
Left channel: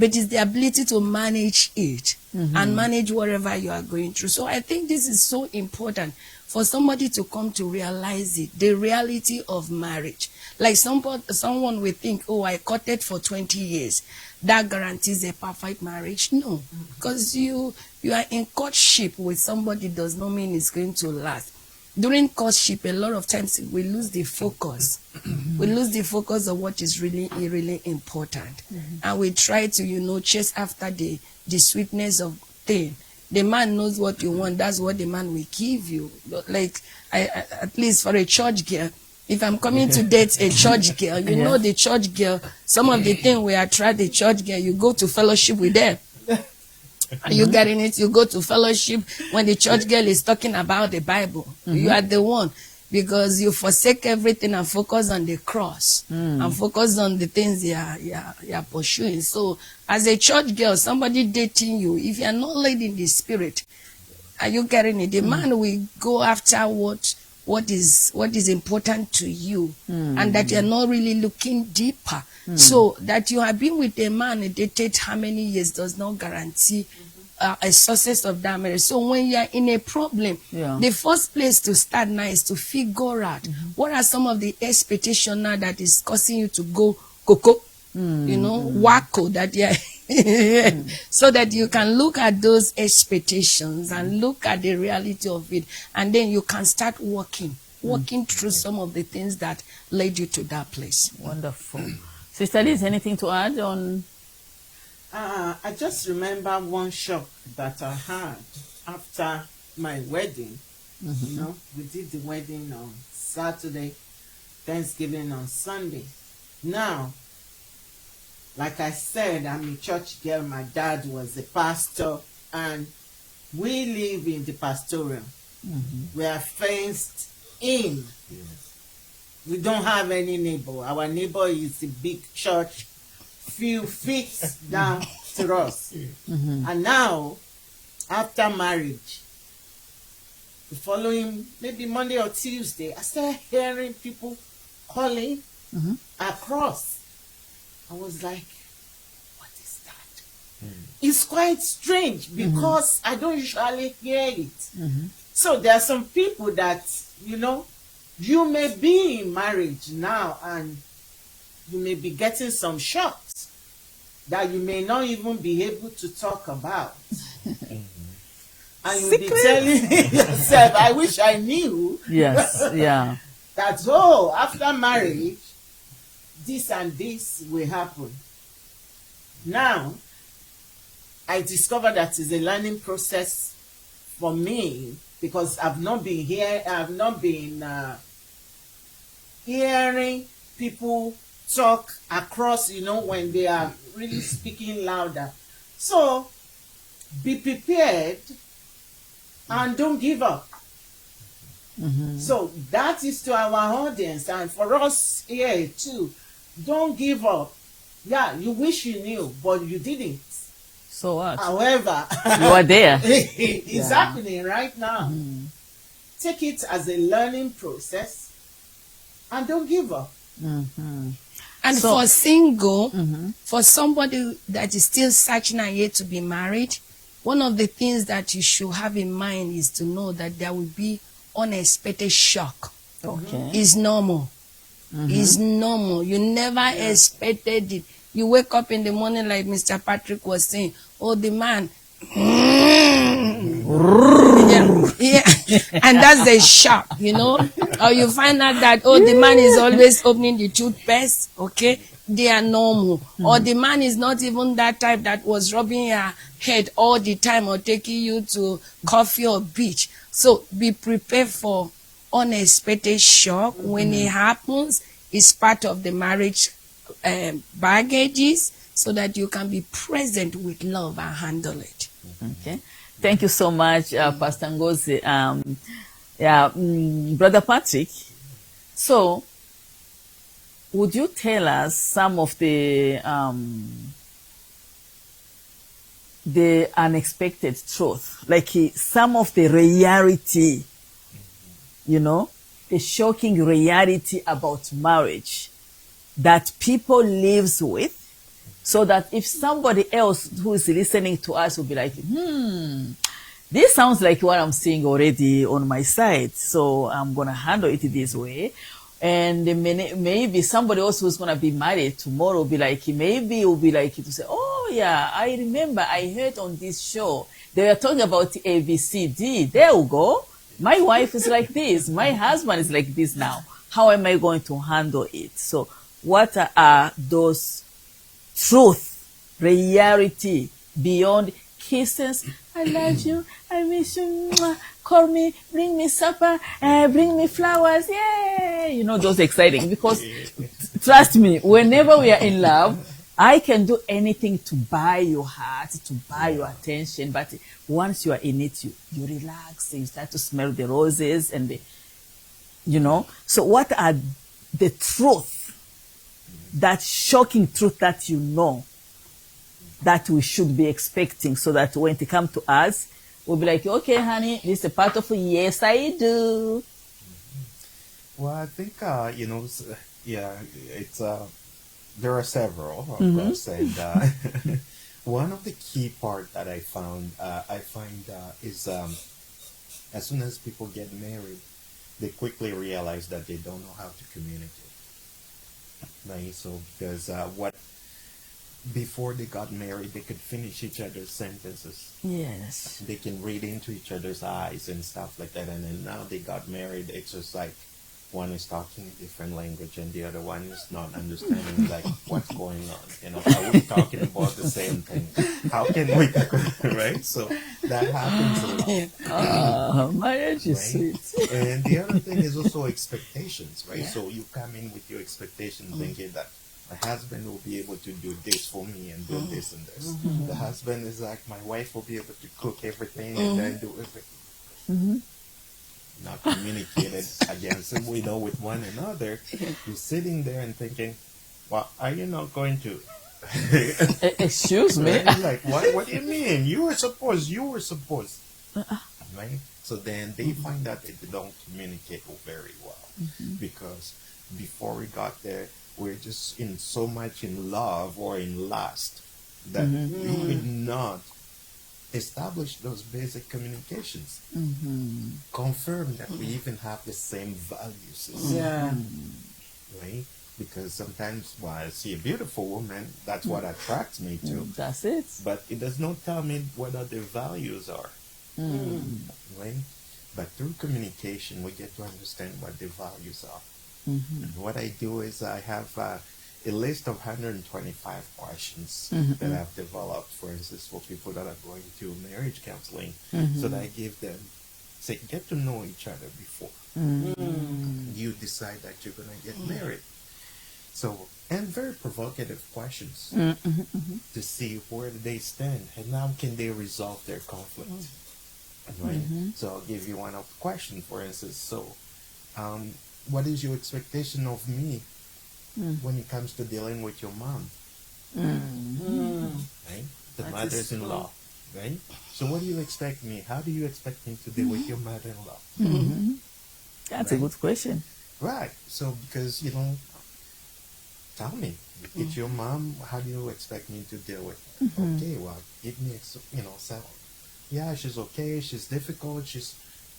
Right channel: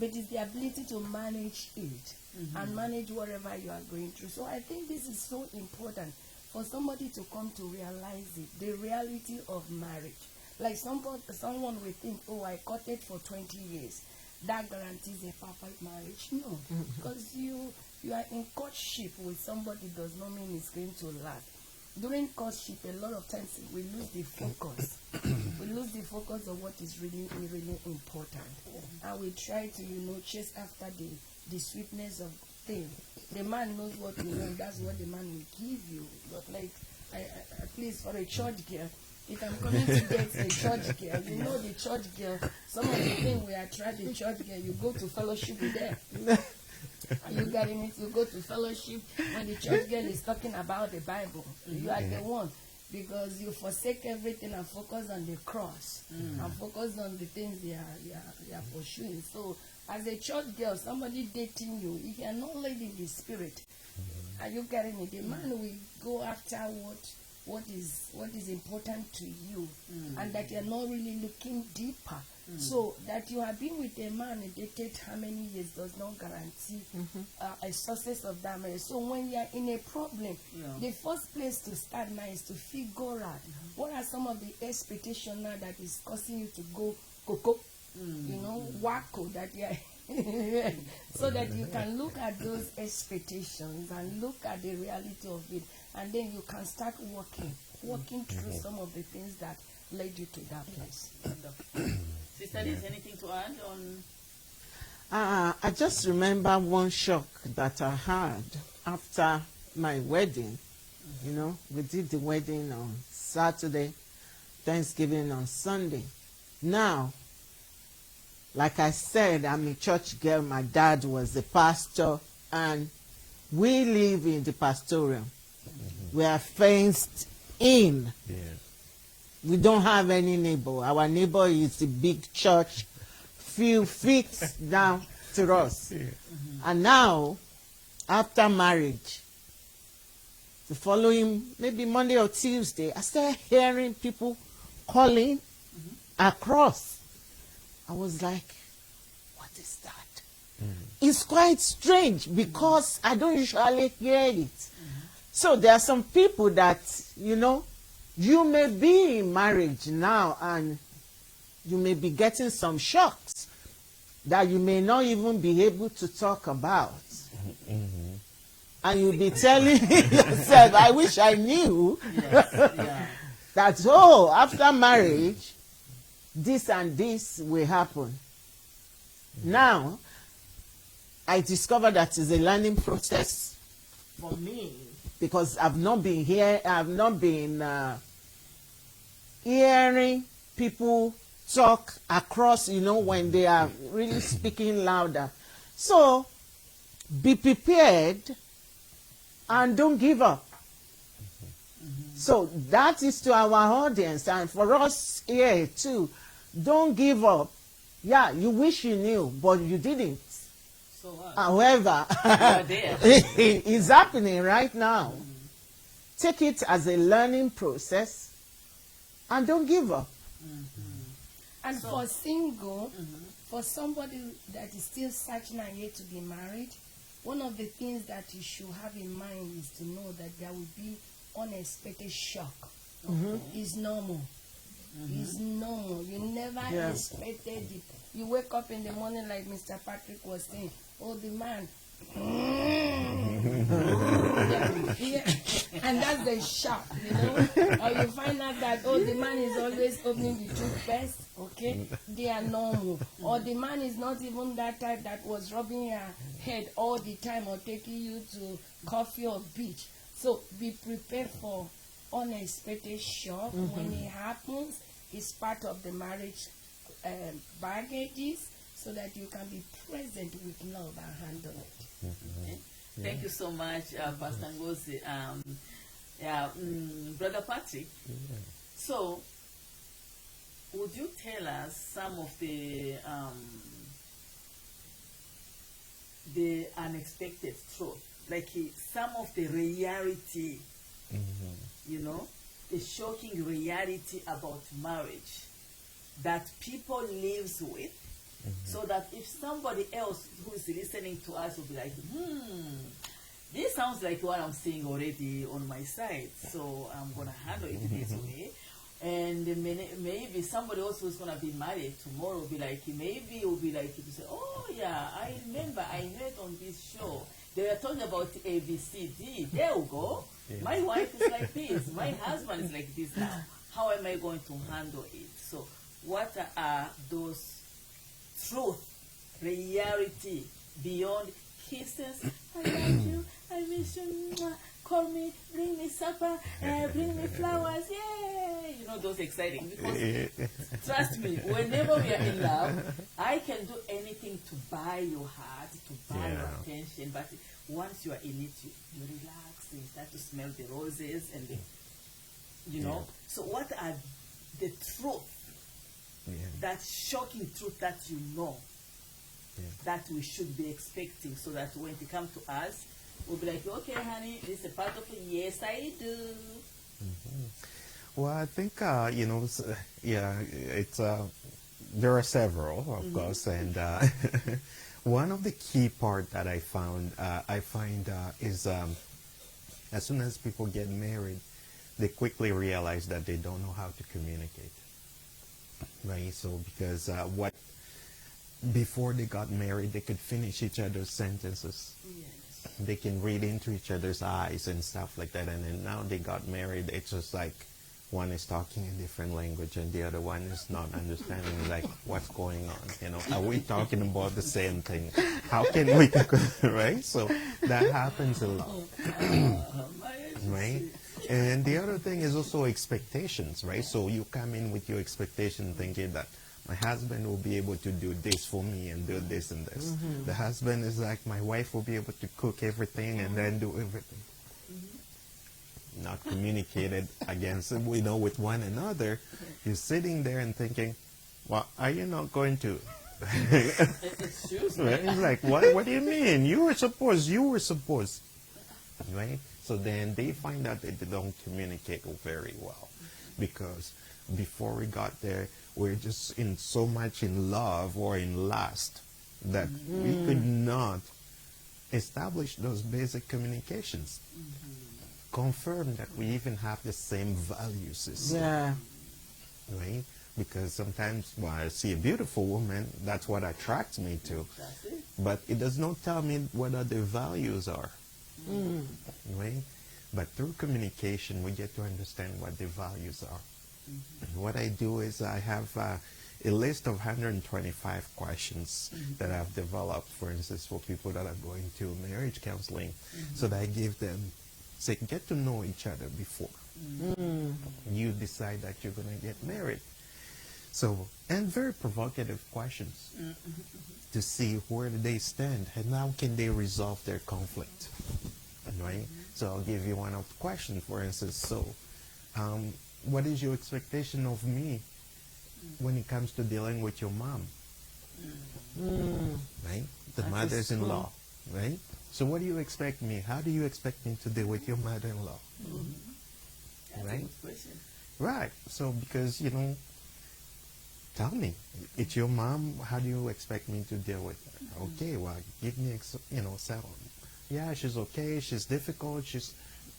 But it's the ability to manage it and manage whatever you are going through. So I think this is so important for somebody to come to realize it, the reality of marriage. Like someone will think, oh, I courted for 20 years. That guarantees a perfect marriage. No, because you are in courtship with somebody does not mean it's going to last. During courtship, a lot of times we lose the focus. We lose the focus of what is really, really important. And we try to, chase after the sweetness of thing. The man knows what you want. That's what the man will give you. Like, at least for a church girl, if I'm coming to date a church girl, you know the church girl, some of the things we attract the church girl, you go to fellowship with them. Are you getting it? You go to fellowship when the church girl is talking about the Bible. You are the one, because you forsake everything and focus on the cross and focus on the things you are pursuing. So as a church girl, somebody dating you, if you are not led in the spirit, are you getting it? The man will go after what is important to you, and that you are not really looking deeper. So that you have been with a man and dated how many years does not guarantee a success of that marriage. So when you are in a problem, the first place to start now is to figure out what are some of the expectations now that is causing you to go coco, wacko, that so that you can look at those expectations and look at the reality of it, and then you can start walking through some of the things that led you to that place. Wonderful. Sister Liz, anything to add on? I just remember one shock that I had after my wedding. You know, we did the wedding on Saturday, Thanksgiving on Sunday. Now, like I said, I'm a church girl. My dad was a pastor, and we live in the pastoral. We are fenced in. Yes. We don't have any neighbor. Our neighbor is the big church, few feet down to us. And now, after marriage, the following, maybe Monday or Tuesday, I started hearing people calling across. I was like, what is that? It's quite strange because I don't usually hear it. So there are some people that, you know, you may be in marriage now and you may be getting some shocks that you may not even be able to talk about. And you'll be telling yourself, I wish I knew. Yes, yeah. That, oh, after marriage, this and this will happen. Now, I discovered that it's a learning process for me because I've not been hearing people talk across, you know, when they are really speaking louder. So, be prepared and don't give up. So that is to our audience and for us here too. Don't give up. Yeah, you wish you knew, but you didn't. So what? However, You are there. it's happening right now. Take it as a learning process and don't give up. And So- for single, for somebody that is still searching and yet to be married, one of the things that you should have in mind is to know that there will be unexpected shock. Okay. It's normal. It's normal. You never expected it. You wake up in the morning like Mr. Patrick was saying, oh, the man. yeah. And that's a shock, you know. Or you find out that, oh, the man is always opening the toothpaste, okay? They are normal. Or the man is not even that type that was rubbing your head all the time or taking you to coffee or beach. So be prepared for unexpected shock. When it happens, it's part of the marriage baggages so that you can be present with love and handle it. Okay. Thank you so much, Pastor Ngozi. Brother Patrick, so would you tell us some of the unexpected truth, like some of the reality, you know, the shocking reality about marriage that people lives with, so that if somebody else who is listening to us will be like, this sounds like what I'm seeing already on my side, so I'm going to handle it this way. And maybe somebody else who's going to be married tomorrow will be like, maybe it will be like to say, oh yeah, I remember I heard on this show, they were talking about ABCD. There we go. My wife is like this. My husband is like this now. How am I going to handle it? So what are those truth, reality, beyond kisses? I love you, I miss you, call me, bring me supper, bring me flowers, yay! You know, those exciting, because trust me, whenever we are in love, I can do anything to buy your heart, to buy your attention, but once you are in it, you relax, you start to smell the roses and the, you know. So what are the truth, that shocking truth that you know, that we should be expecting, so that when it comes to us, we'll be like, okay, honey, this is a part of yes, I do. Well, I think, you know, it's, there are several, of course, and one of the key part that I find is as soon as people get married, they quickly realize that they don't know how to communicate, right? So because before they got married, they could finish each other's sentences. Yes. They can read into each other's eyes and stuff like that. And then now they got married, it's just like one is talking a different language and the other one is not understanding like what's going on. You know, are we talking about the same thing? How can we, right? So that happens a lot. Marriage is sweet. And the other thing is also expectations, right? So you come in with your expectations thinking that my husband will be able to do this for me and do this and this. The husband is like, my wife will be able to cook everything and then do everything. Not communicated against, with one another. You're sitting there and thinking, well, are you not going to? Excuse me? Right? Like, what do you mean? You were supposed. Right? So then they find out that they don't communicate very well. Because before we got there, we're just in so much in love or in lust that we could not establish those basic communications. Confirm that we even have the same value system. Yeah. Right? Because sometimes, well, I see a beautiful woman, that's what attracts me to. That's it. But it does not tell me what their values are. Right? But through communication, we get to understand what their values are. And what I do is I have a list of 125 questions that I've developed, for instance, for people that are going to marriage counseling, so that I give them, say, get to know each other before you decide that you're going to get married. So, and very provocative questions to see where they stand and how can they resolve their conflict. Right? So I'll give you one of the questions, for instance. So, what is your expectation of me when it comes to dealing with your mom? Right? The mothers-in-law. Right? So what do you expect me? How do you expect me to deal with your mother-in-law? That's a good question. Right. So because, tell me, it's your mom, how do you expect me to deal with her? Okay, well, give me, yeah, she's okay, she's difficult,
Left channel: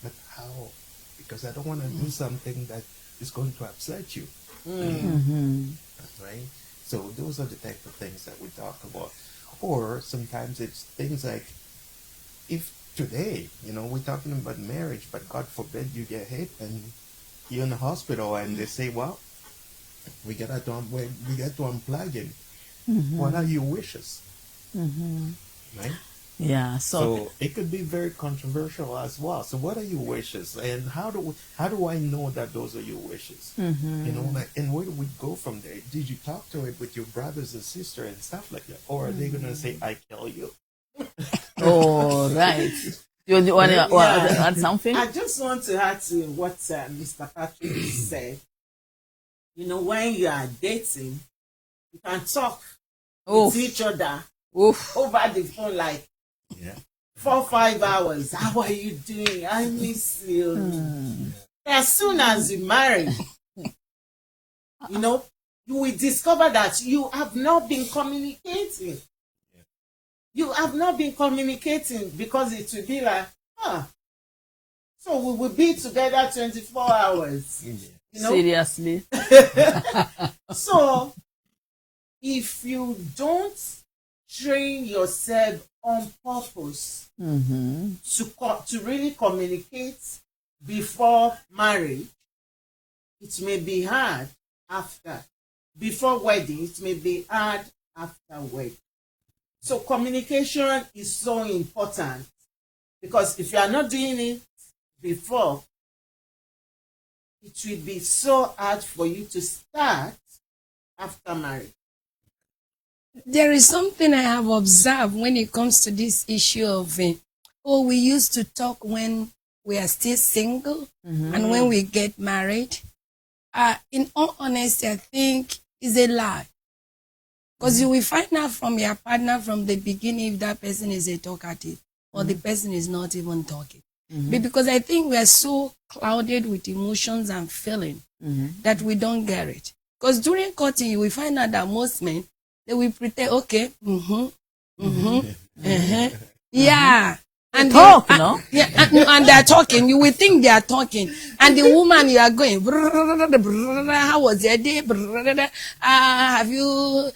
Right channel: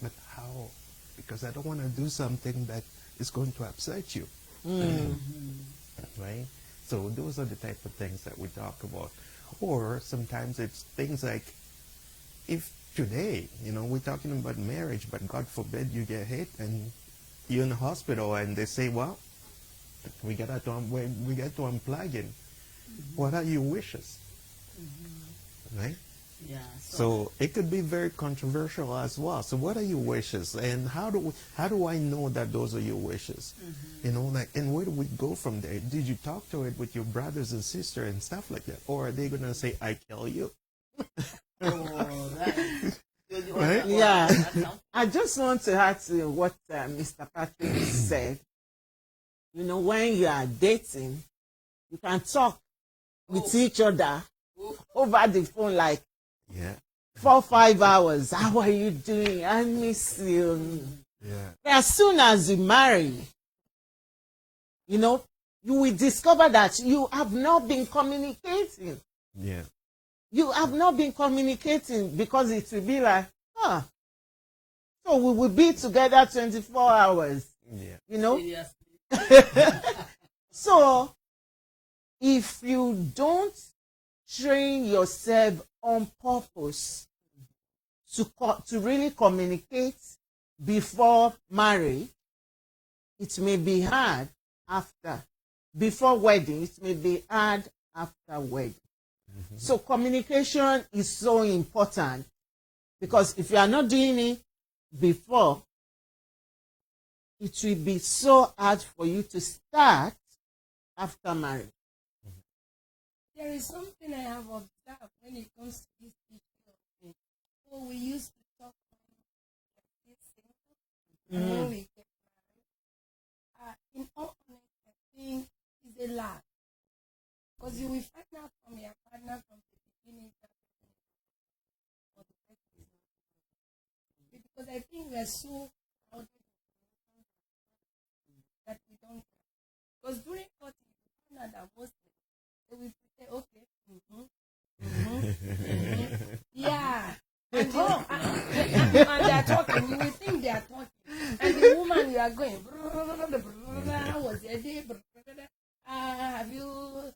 but how? Because I don't want to do something that is going to upset you. Right? So those are the type of things that we talk about. Or sometimes it's things like, if today, we're talking about marriage, but God forbid you get hit and you're in the hospital and they say, well, we got to unplug it. What are your wishes? Right? Yeah. So it could be very controversial as well. So what are your wishes, and how do I know that those are your wishes? And where do we go from there? Did you talk to it with your brothers and sisters and stuff like that, or are they gonna say, "I kill you"? Oh, right. You want to add something? I just want to add to what Mr. Patrick said. When you are dating, you can talk with each other over the phone like 4 or 5 hours. How are you doing? I miss you. As soon as you marry, you will discover that you have not been communicating. Yeah. You have not been communicating because it will be like, so we will be together 24 hours. Seriously. So if you don't train yourself on purpose to really communicate before marriage, it may be hard after. Before wedding, it may be hard after wedding. So communication is so important, because if you are not doing it before, it will be so hard for you to start after marriage. There is something I have observed when it comes to this issue of, we used to talk when we are still single and when we get married. In all honesty, I think it's a lie. Because you will find out from your partner from the beginning if that person is a talkative or the person is not even talking. Because I think we are so clouded with emotions and feeling that we don't get it. Because during courting, you will find out that most men, they will pretend, okay, yeah. And talk, no? Yeah, and they're talking. You will think they are talking. And the woman, you are going, how was your day? Have you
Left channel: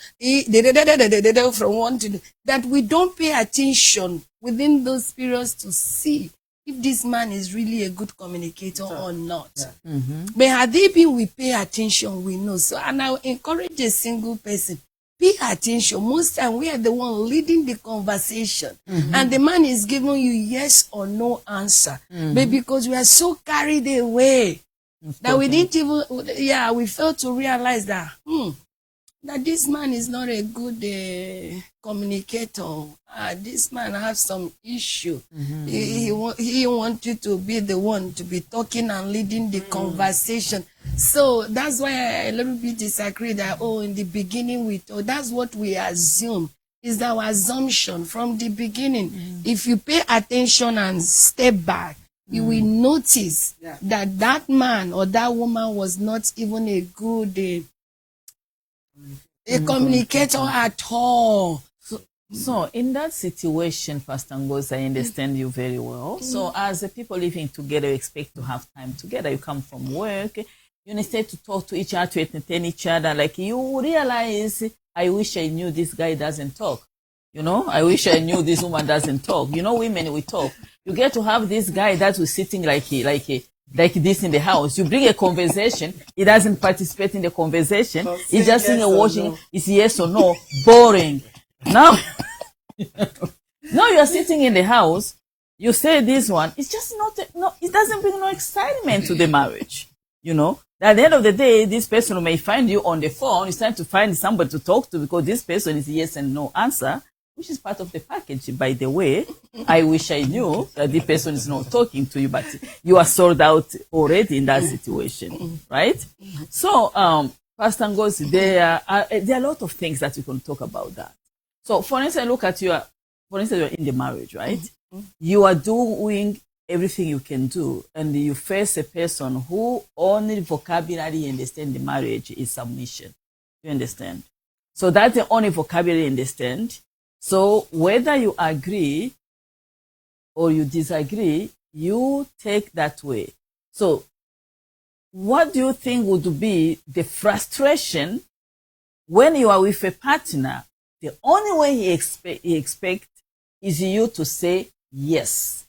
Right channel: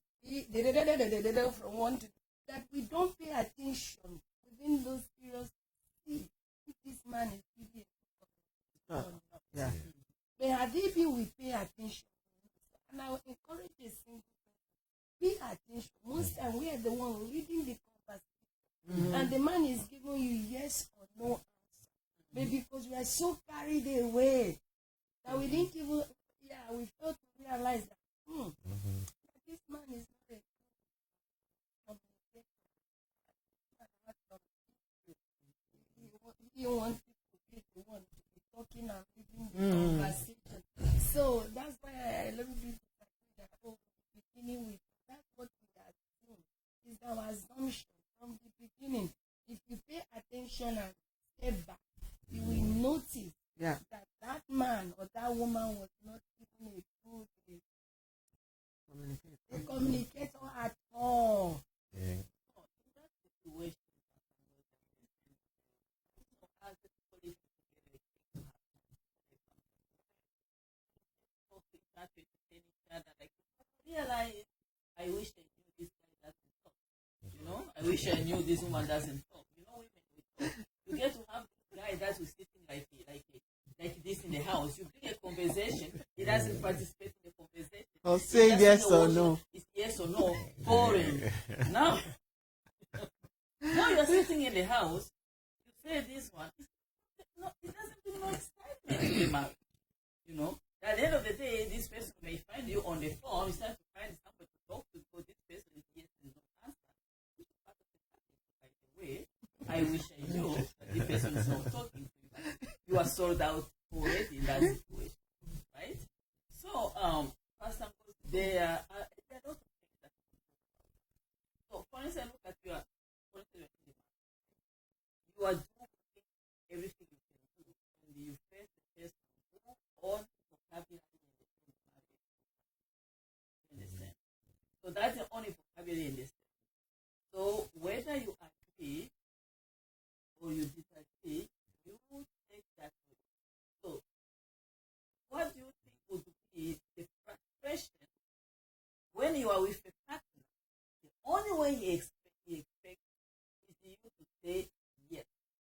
from one to that we don't pay attention within those periods to see if this man is really a good communicator or not. Yeah. But had they been, we pay attention, we know. So, and I encourage a single person, pay attention. Most time we are the one leading the conversation, and the man is giving you yes or no answer. But because we are so carried away that we didn't even, we failed to realize that that this man is not a good communicator. This man has some issue. He wants you to be the one to be talking and leading the conversation. So that's why I a little bit disagree that, in the beginning that's what we assume. Is our assumption from the beginning. If you pay attention and step back, you will notice that that man or that woman was not even a good communicator at all. So in that situation, Pastor Ngozi, I understand you very well. So as the people living together, you expect to have time together. You come from work, you need to talk to each other, to entertain each other. Like you realize, I wish I knew this guy doesn't talk. I wish I knew this woman doesn't talk. Women, we talk. You get to have this guy that was sitting like this in the house. You bring a conversation, he doesn't participate in the conversation. He's just sitting and watching. No. It's yes or no. Boring. Now you're sitting in the house, you say this one, it's just not, it doesn't bring no excitement to the marriage. At the end of the day, this person may find you on the phone, it's time to find somebody to talk to because this person is yes and no answer, which is part of the package, by the way. I wish I knew that the person is not talking to you, but you are sold out already in that situation, right? So, Pastor Ngozi, there are a lot of things that you can talk about that. So, for instance, you're in the marriage, right? You are doing everything you can do, and you face a person who only vocabulary understand the marriage is submission. You understand? So that's the only vocabulary understand. So whether you agree or you disagree, you take that way. So what do you think would be the frustration when you are with a partner? The only way he expect is you to say yes.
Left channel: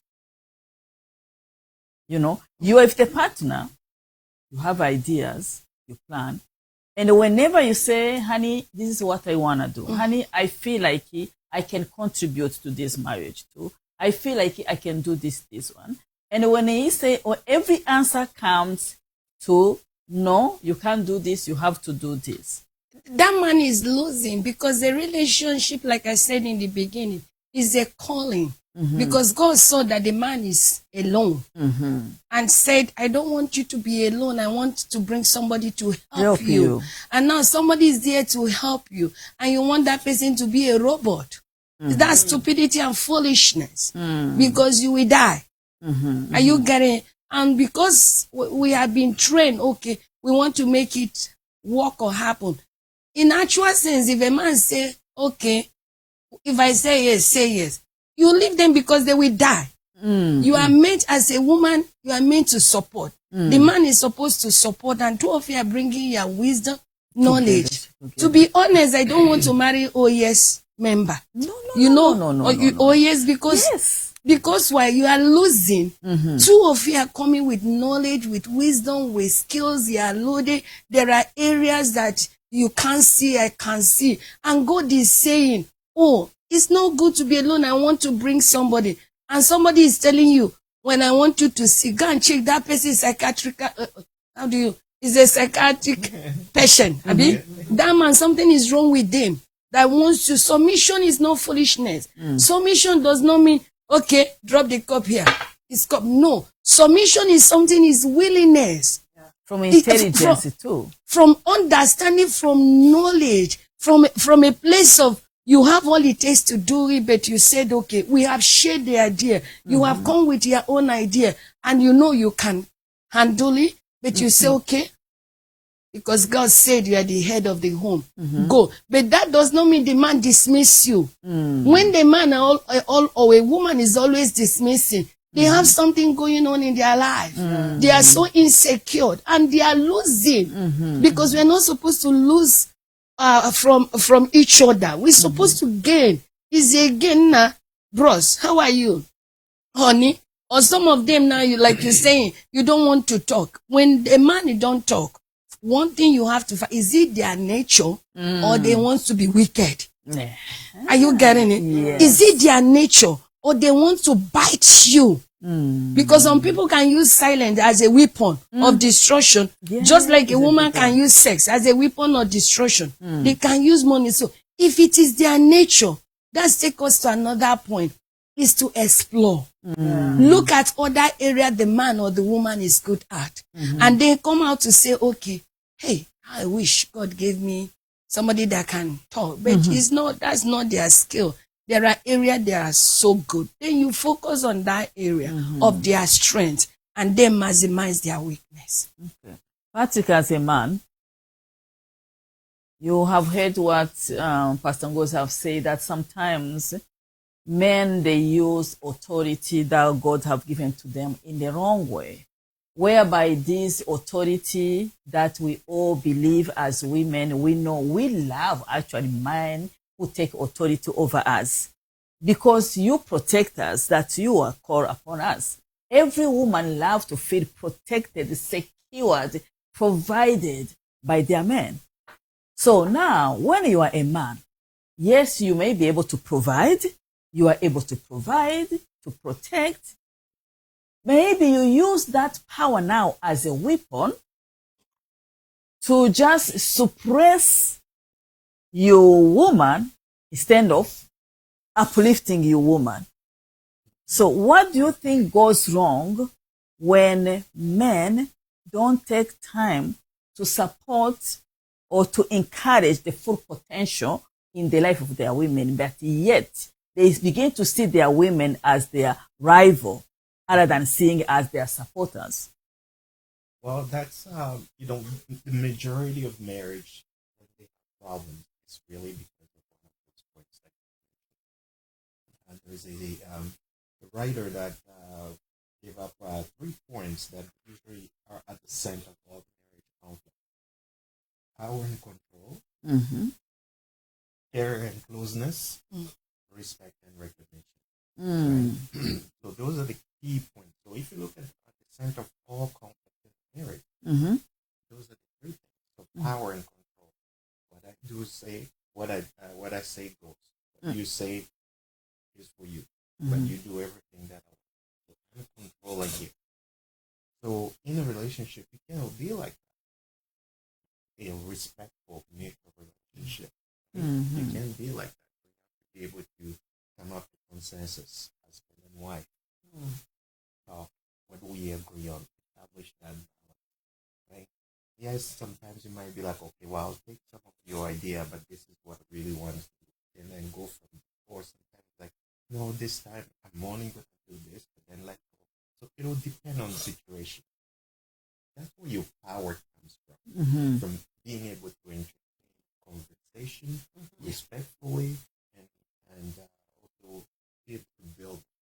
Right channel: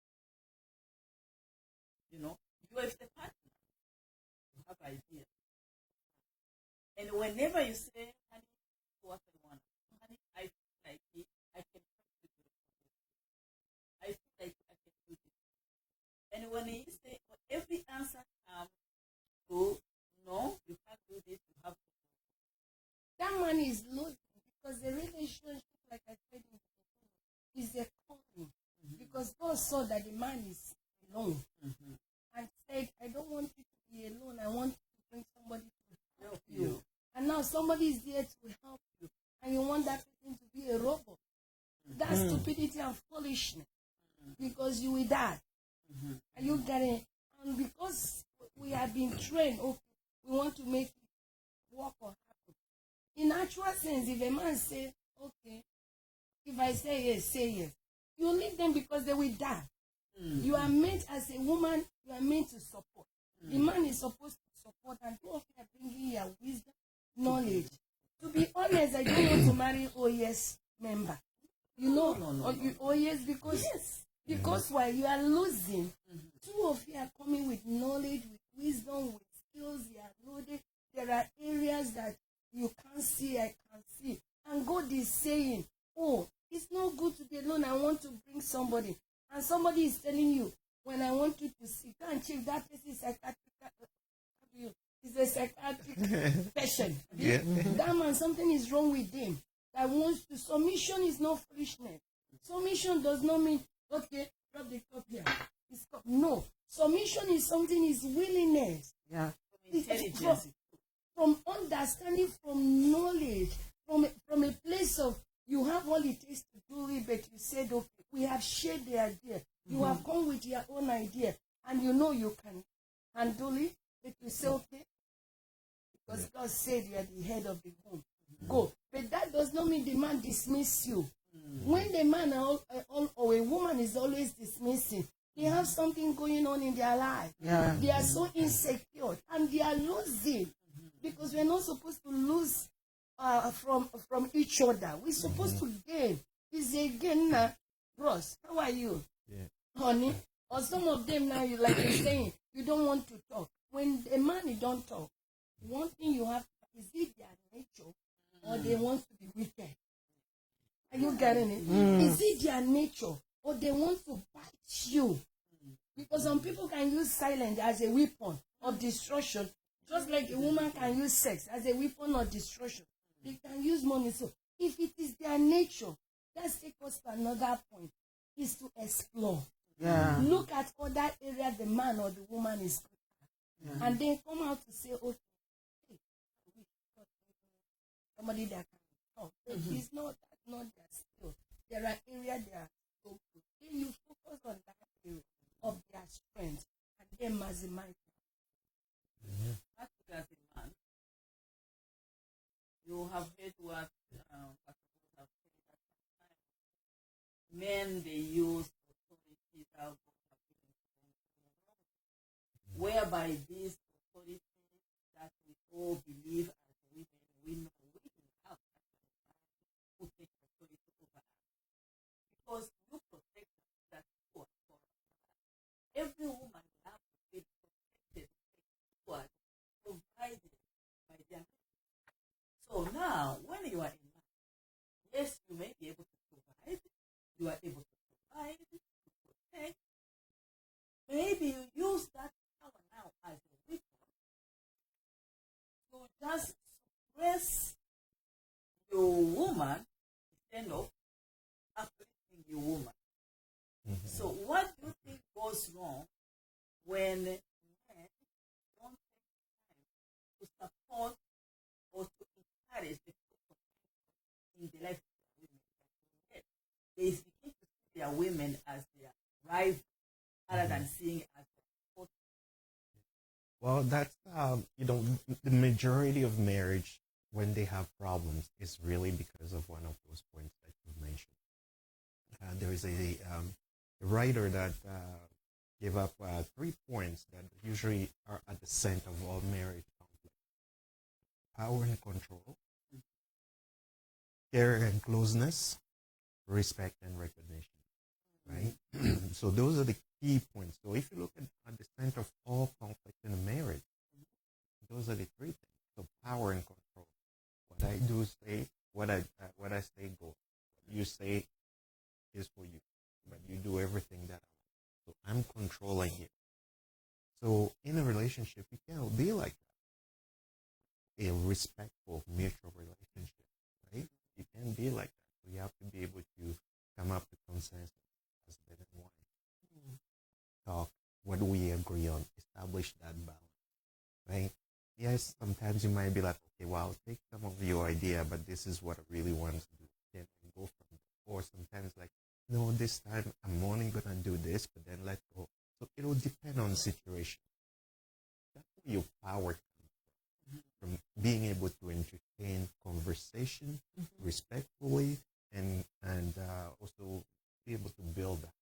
You are with the partner, you have ideas, you plan, and whenever you say, honey, this is what I want to do. Honey, I feel like I can contribute to this marriage too. I feel like I can do this one. And when he say, every answer comes to, no, you can't do this, you have to do this. That man is losing because the relationship, like I said in the beginning, is a calling. Because God saw that the man is alone and said, I don't want you to be alone. I want to bring somebody to help you. And now somebody is there to help you. And you want that person to be a robot. That's stupidity and foolishness. Because you will die. Are you getting? And because we have been trained, okay, we want to make it work or happen. In actual sense, if a man say, okay, if I say yes, say yes. You leave them because they will die. You are meant, as a woman, you are meant to support. The man is supposed to support, and two of you are bringing your wisdom, knowledge. To be honest, I don't want to marry OES member. No. OES because while you are losing, two of you are coming with knowledge, with wisdom, with skills. You are loaded. There are areas that you can't see, I can see. And God is saying, it's not good to be alone. I want to bring somebody. And somebody is telling you, when I want you to see, go and check that person is psychiatric. Is a psychiatric patient. That man, something is wrong with them. That wants to. Submission is not foolishness. Submission does not mean, okay, drop the cup here. It's cup. No. Submission is something, is willingness. Yeah. From intelligence too. From understanding, from knowledge, from a place of, you have all it takes to do it, but you said, okay, we have shared the idea. You have come with your own idea, and you know you can handle it, but you say, okay, because God said you are the head of the home. Go. But that does not mean the man dismiss you. When the man or a woman is always dismissing, they have something going on in their life. They are so insecure and they are losing because we're not supposed to lose from each other. We're supposed to gain. Is a gain now, bros. How are you, honey? Or some of them now, you like you're saying, you don't want to talk. When the man don't talk, one thing you have to find, is it their nature or they want to be wicked? Are you getting it? Yes. Is it their nature or they want to bite you? Because some people can use silence as a weapon of destruction, just like a woman can use sex as a weapon of destruction. They can use money. So if it is their nature, that takes us to another point, is to explore. Look at other area the man or the woman is good at. And then come out to say, okay, hey, I wish God gave me somebody that can talk. But it's not, that's not their skill. There are areas that are so good. Then you focus on that area of their strength and then maximize their weakness. Patrick, as a man, you have heard what Pastor Ngozi have said, that sometimes men, they use authority that God have given to them in the wrong way, whereby this authority that we all believe as women, we know we love actually men who take authority over us, because you protect us, that you are called upon us. Every woman loves to feel protected, secured, provided by their men. So now, when you are a man, yes, you may be able to provide. You are able to provide, to protect. Maybe you use that power now as a weapon to just suppress your woman instead of uplifting your woman. So what do you think goes wrong when men don't take time to support or to encourage the full potential in the life of their women, but yet they begin to see their women as their rival rather than seeing as their supporters? Well, that's, the majority of marriage, when they have problems, is really because of one of those points that you mentioned. There is a writer that gave up 3 points that usually are at the center of all marriage conflict. Power and control, care and closeness, respect and recognition. Right? So those are the key points. So if you look at the center of all conflict in a marriage, those are the 3 things. So power and control. What I do say, what I say goes. What you say is for you, but you do everything that I want. So I'm controlling you. So in a relationship, you cannot be like that. A respectful, mutual relationship. Right? You can't be like that. So you have to be able to come up with consensus, husband and wife. Talk. What do we agree on? Establish that balance. Right? Yes, sometimes you might be like, okay, well, I'll take some of your idea, but this is what I really want to do. And then go from there. Or sometimes like, no, this time I'm only going to do this, but then let go. So it will depend on the situation. That's where your power comes from being able to entertain conversation respectfully and also be able to build that.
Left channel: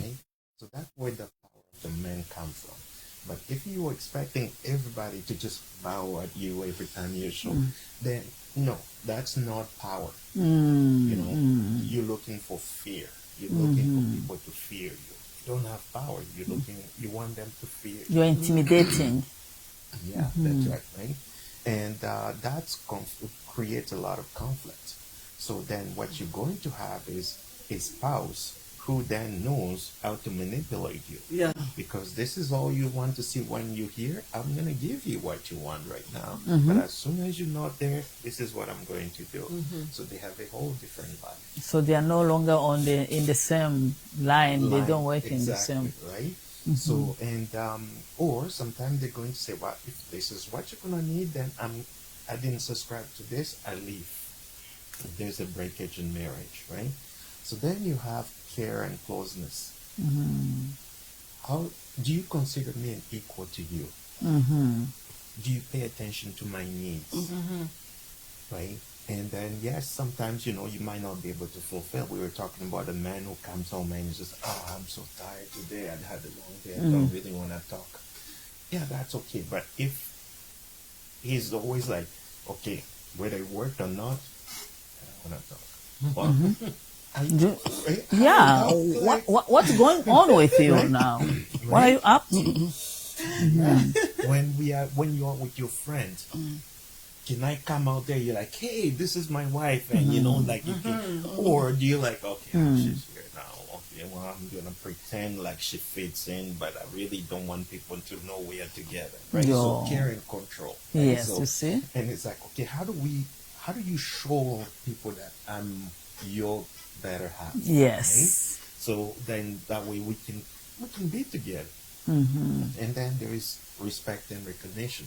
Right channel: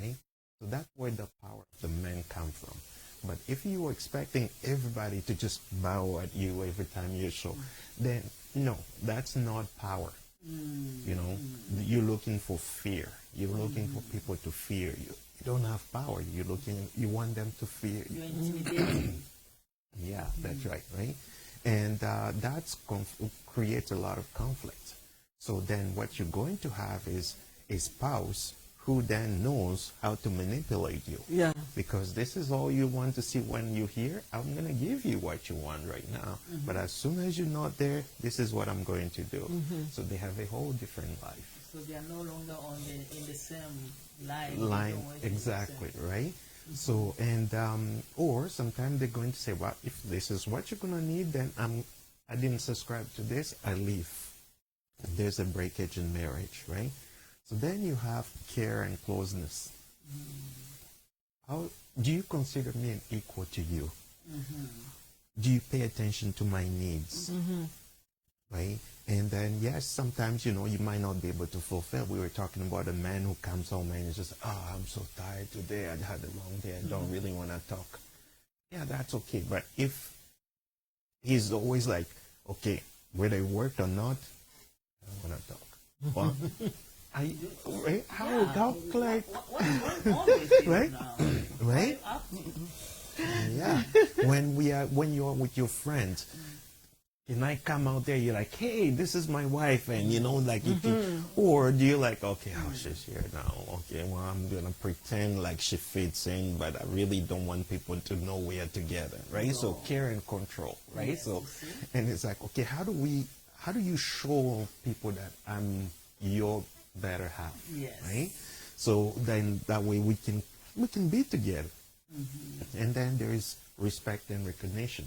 Right? So that's where the power of the men come from. But if you were expecting everybody to just bow at you every time you show, then no, that's not power. You're looking for fear. You're looking for people to fear you. You don't have power. You want them to fear you. You're intimidating. Yeah, that's right? And that's creates a lot of conflict. So then what you're going to have is a spouse who then knows how to manipulate you. Yeah. Because this is all you want to see when you're here. I'm going to give you what you want right now. But as soon as you're not there, this is what I'm going to do. So they have a whole different life. So they are no longer in the same line. They don't work in the same. Exactly, right? So, and, or sometimes they're going to say, well, if this is what you're going to need, then I didn't subscribe to this, I leave. There's a breakage in marriage, right? So then you have care and closeness. How do you consider men equal to you? Do you pay attention to my needs? Right? And then, yes, sometimes, you might not be able to fulfill. We were talking about a man who comes home and is just, oh, I'm so tired today. I'd had a long day. I don't really want to talk. Yeah, that's okay. But if he's always like, okay, whether it worked or not, I want to talk. Well, what's going on with you now? Right? What are you up to? Yeah. When you're with your friends, can I come out there? You're like, hey, this is my wife, and like you can, or do you like, okay, she's here now. Okay, well, I'm gonna pretend like she fits in, but I really don't want people to know we are together, right? So care and control. Right? Yes, you see. And it's like, okay, how do you show people that I'm your better half? Yes. Right? So then that way we can be together. And then there is respect and recognition.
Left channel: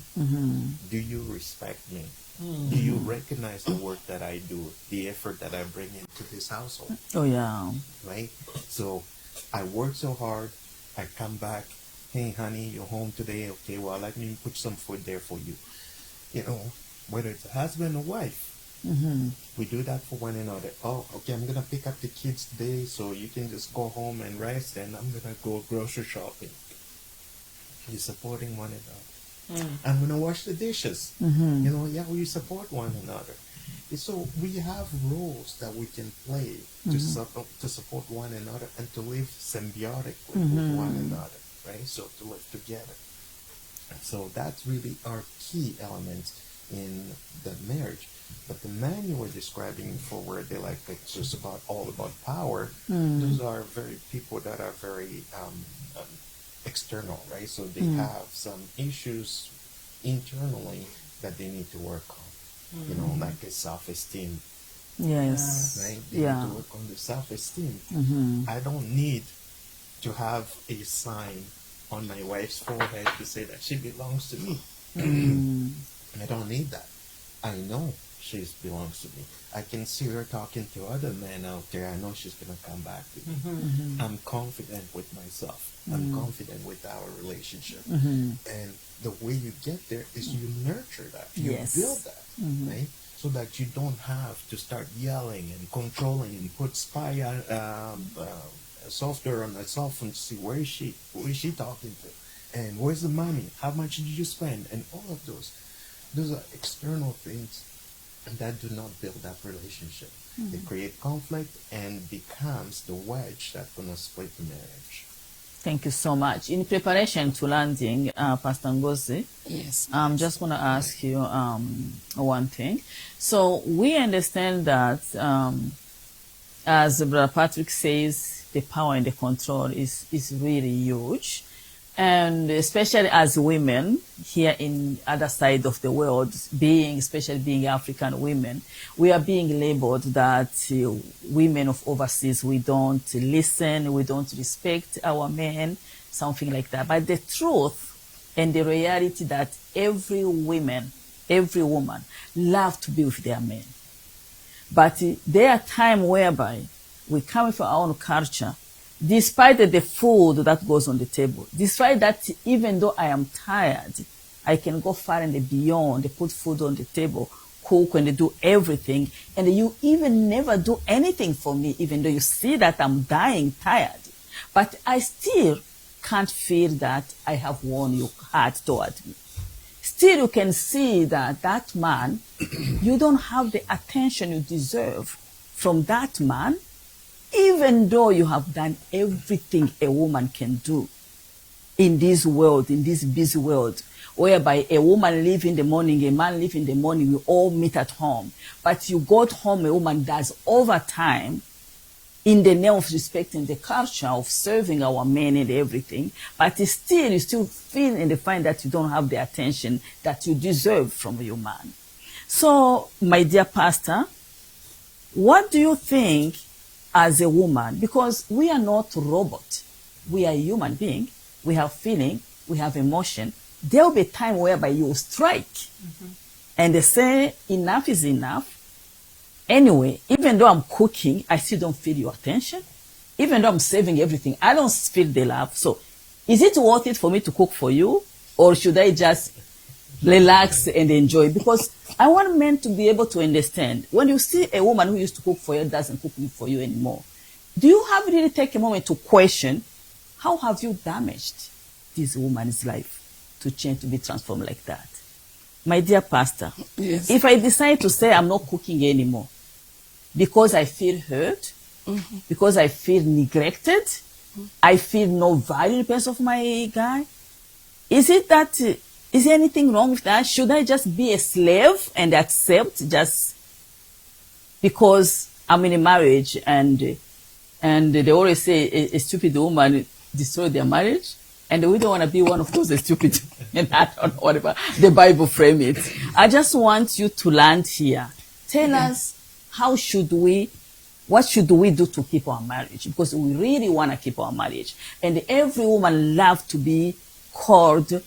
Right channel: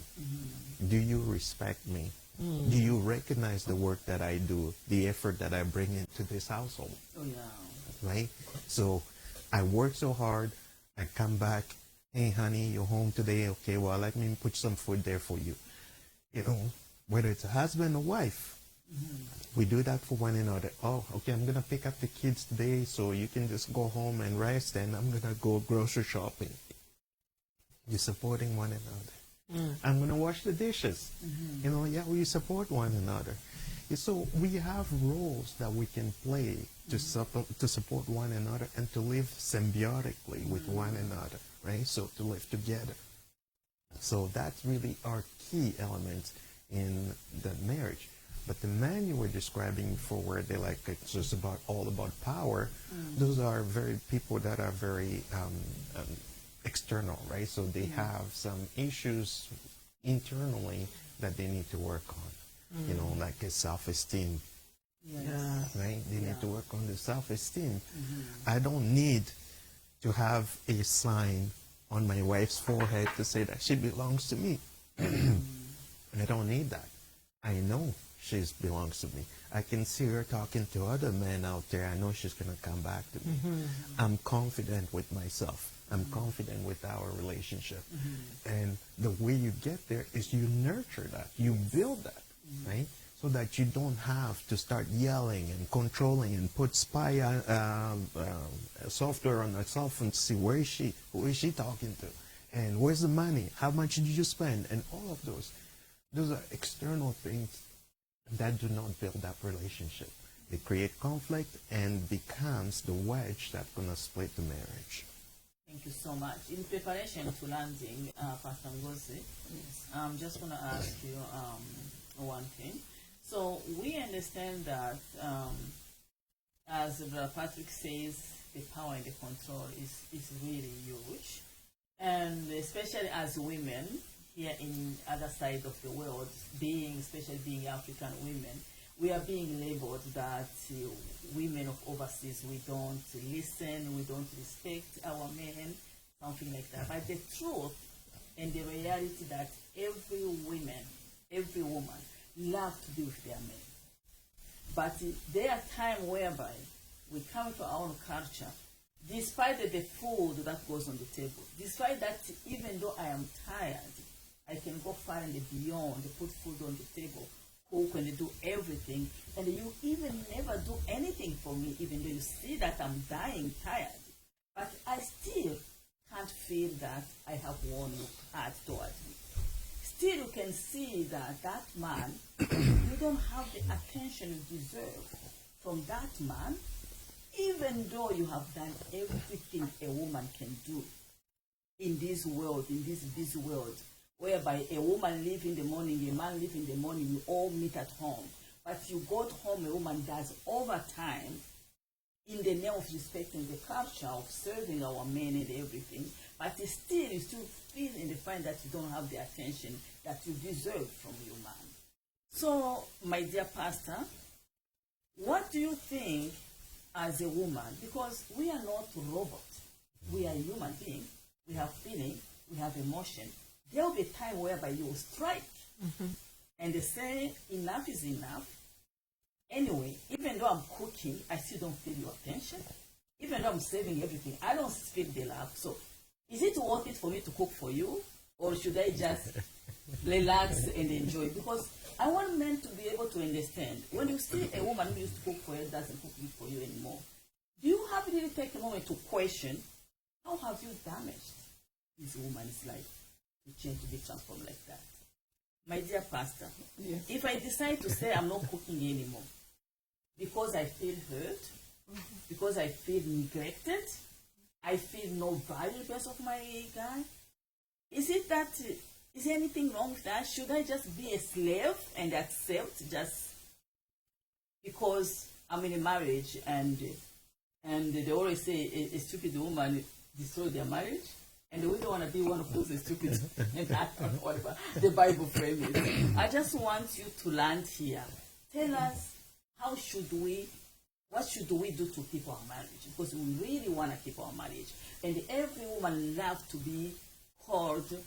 Do you respect me? Do you recognize the work that I do, the effort that I bring into this household? Oh, yeah. Right? So I work so hard, I come back, hey, honey, you're home today. Okay, well, let me put some food there for you. Whether it's a husband or wife, we do that for one another. Oh, okay, I'm going to pick up the kids today, so you can just go home and rest, and I'm going to go grocery shopping. You're supporting one another. I'm going to wash the dishes. We support one another. So we have roles that we can play to support one another and to live symbiotically with one another, right? So to live together. So that's really our key element in the marriage. But the man you were describing before, where they like it's just all about power, those are people that are very external, right? So they have some issues internally that they need to work on, like a self-esteem. Yes. Right? They need to work on the self-esteem. I don't need to have a sign on my wife's forehead to say that she belongs to me. I don't need that. I know she belongs to me. I can see her talking to other men out there. I know she's going to come back to me. I'm confident with myself. I'm confident with our relationship. And the way you get there is you nurture that. You build that, right? So that you don't have to start yelling and controlling and put spy software on herself and see who is she talking to, and where's the money, how much did you spend, and all of those are external things that do not build that relationship. They create conflict and becomes the wedge that's going to split the marriage. Thank you so much. In preparation to landing, Pastor Ngozi, Yes. I'm just want to ask you one thing. So we understand that, as Brother Patrick says, the power and the control is really huge. And especially as women here in other side of the world, especially being African women, we are being labeled that women of overseas, we don't listen, we don't respect our men, something like that. But the truth and the reality that every woman love to be with their men. But there are times whereby we come from our own culture, despite the food that goes on the table, despite that even though I am tired, I can go far and beyond, put food on the table, cook and do everything, and you even never do anything for me, even though you see that I'm dying tired. But I still can't feel that I have won your heart toward me. Still you can see that man, you don't have the attention you deserve from that man, even though you have done everything a woman can do in this world, in this busy world, whereby a woman leaves in the morning, a man leaves in the morning, we all meet at home. But you got home, a woman does overtime in the name of respecting the culture, of serving our men and everything. But you still feel and find that you don't have the attention that you deserve from your man. So, my dear pastor, what do you think as a woman, because we are not robots, we are a human being, we have feeling, we have emotion. There will be a time whereby you will strike and they say enough is enough. Anyway, even though I'm cooking, I still don't feel your attention. Even though I'm saving everything, I don't feel the love. So is it worth it for me to cook for you, or should I just relax and enjoy. Because I want men to be able to understand. When you see a woman who used to cook for you doesn't cook for you anymore, do you have really take a moment to question how have you damaged this woman's life to change, to be transformed like that? My dear pastor, Yes. if I decide to say I'm not cooking anymore because I feel hurt, because I feel neglected, I feel no value in the presence of my guy, is there anything wrong with that? Should I just be a slave and accept just because I'm in a marriage and they always say a stupid woman destroy their marriage? And we don't want to be one of those stupid, and I don't know whatever the Bible frame it. I just want you to land here. Tell us, what should we do to keep our marriage? Because we really want to keep our marriage. And every woman loves to be called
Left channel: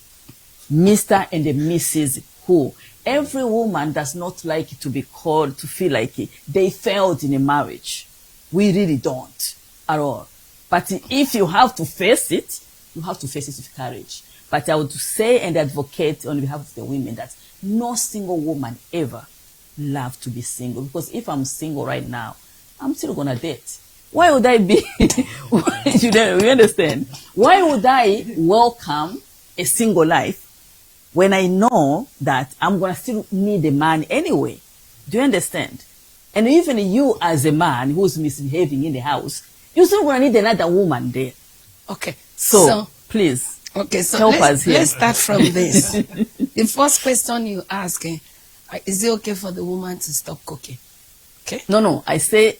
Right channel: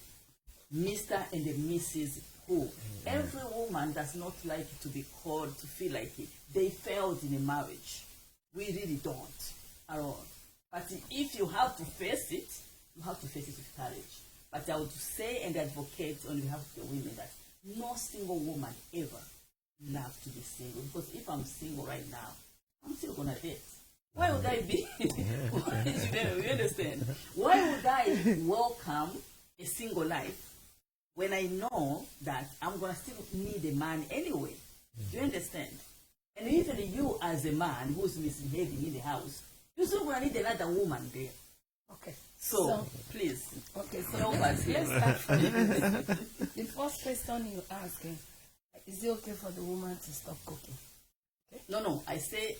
Mr. and Mrs. Who. Every woman does not like to be called, to feel like they failed in a marriage. We really don't at all. But if you have to face it, you have to face it with courage. But I would say and advocate on behalf of the women that no single woman ever loves to be single. Because if I'm single right now, I'm still going to date. Why would I be? You understand? Why would I welcome a single life when I know that I'm going to still need a man anyway? Do you understand? And even you as a man who's misbehaving in the house, you're still going to need another woman there. Okay. So please, okay, so help us here. let's start from this. The first question you ask, is it okay for the woman to stop cooking? Okay. No, I say,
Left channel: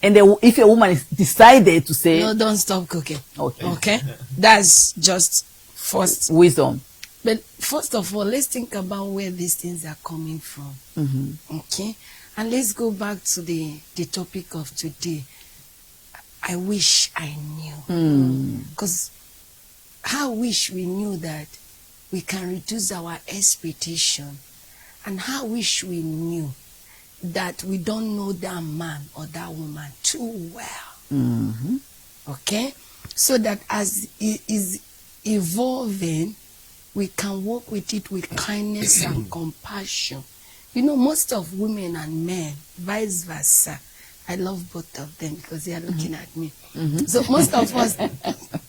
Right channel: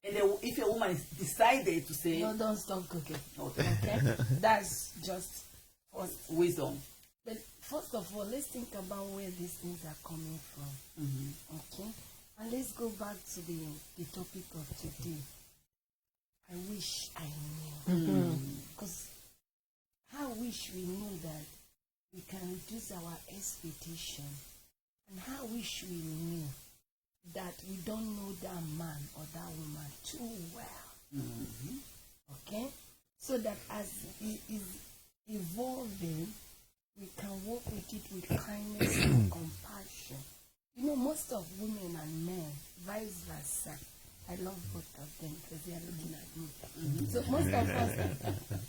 and if a woman is decided to say, no, don't stop cooking. Okay. Okay. That's just first wisdom. But first of all, let's think about where these things are coming from. Okay. And let's go back to the topic of today. I wish I knew. Because I wish we knew that we can reduce our expectation. And I wish we knew that we don't know that man or that woman too well. Okay? So that as it is evolving, we can work with it with kindness and compassion. You know, most of women and men, vice versa. I love both of them because they are looking at me. So most of us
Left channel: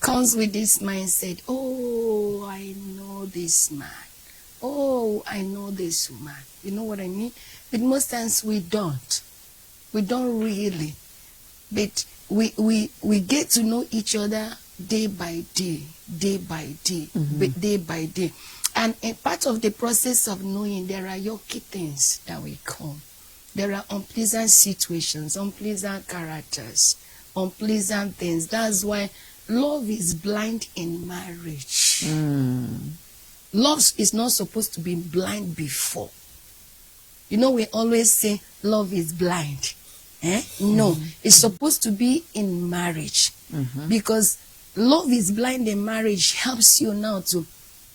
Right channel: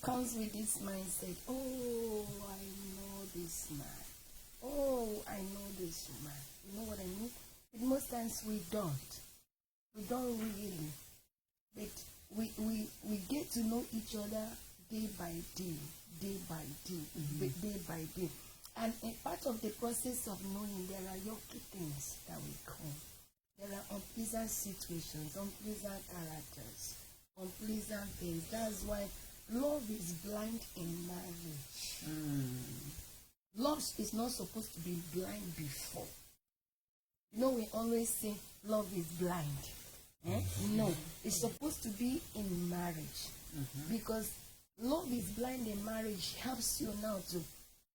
comes with this mindset, oh, I know this man. Oh, I know this woman. You know what I mean? But most times we don't. We don't really. But we get to know each other day by day, day by day, day by day. And a part of the process of knowing, there are yucky things that will come. There are unpleasant situations, unpleasant characters, unpleasant things. That's why love is blind in marriage. Love is not supposed to be blind before. You know, we always say love is blind. No, it's supposed to be in marriage. Because love is blind in marriage helps you now to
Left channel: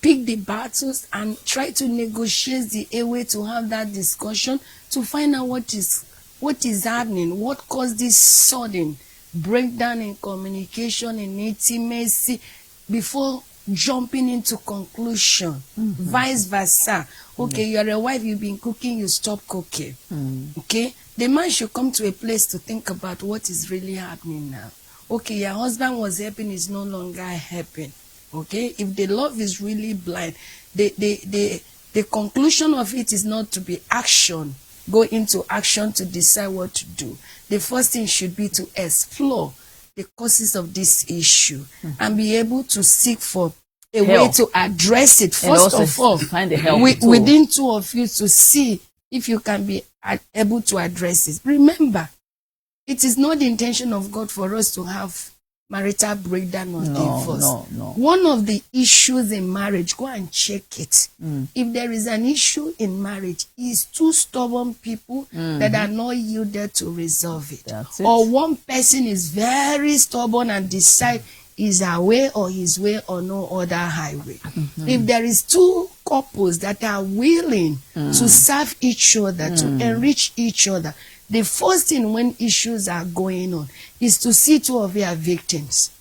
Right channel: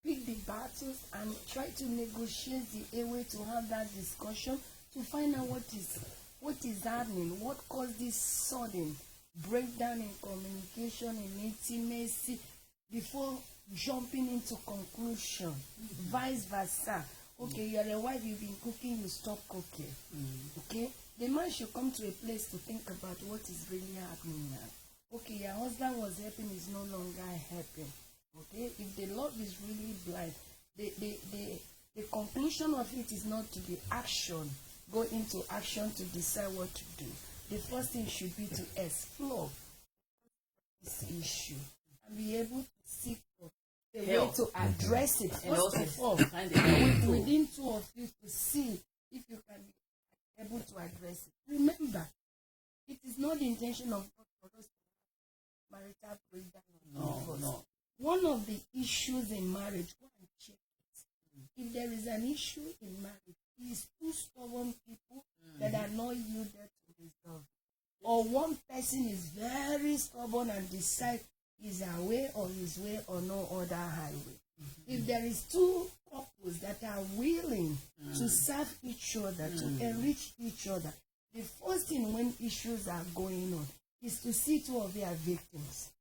pick the battles and try to negotiate the way to have that discussion to find out what is happening, what caused this sudden breakdown in communication, in intimacy, before jumping into conclusion. Vice versa. Okay, you're a wife, you've been cooking, you stop cooking. Okay, the man should come to a place to think about what is really happening now. Okay, your husband was helping, is no longer helping. Okay, if the love is really blind, the conclusion of it is not to be action. Go into action to decide what to do. The first thing should be to explore the causes of this issue and be able to seek for a way to address it. First of all, find the help within two of you to see if you can be able to address it. Remember, it is not the intention of God for us to have marital breakdown or divorce. No. One of the issues in marriage, go and check it. If there is an issue in marriage, is two stubborn people that are not yielded to resolve it. That's it. Or one person is very stubborn and decide is her way or his way or no other highway. If there is two couples that are willing to serve each other, to enrich each other, the first thing when issues are going on is to see two of you are victims.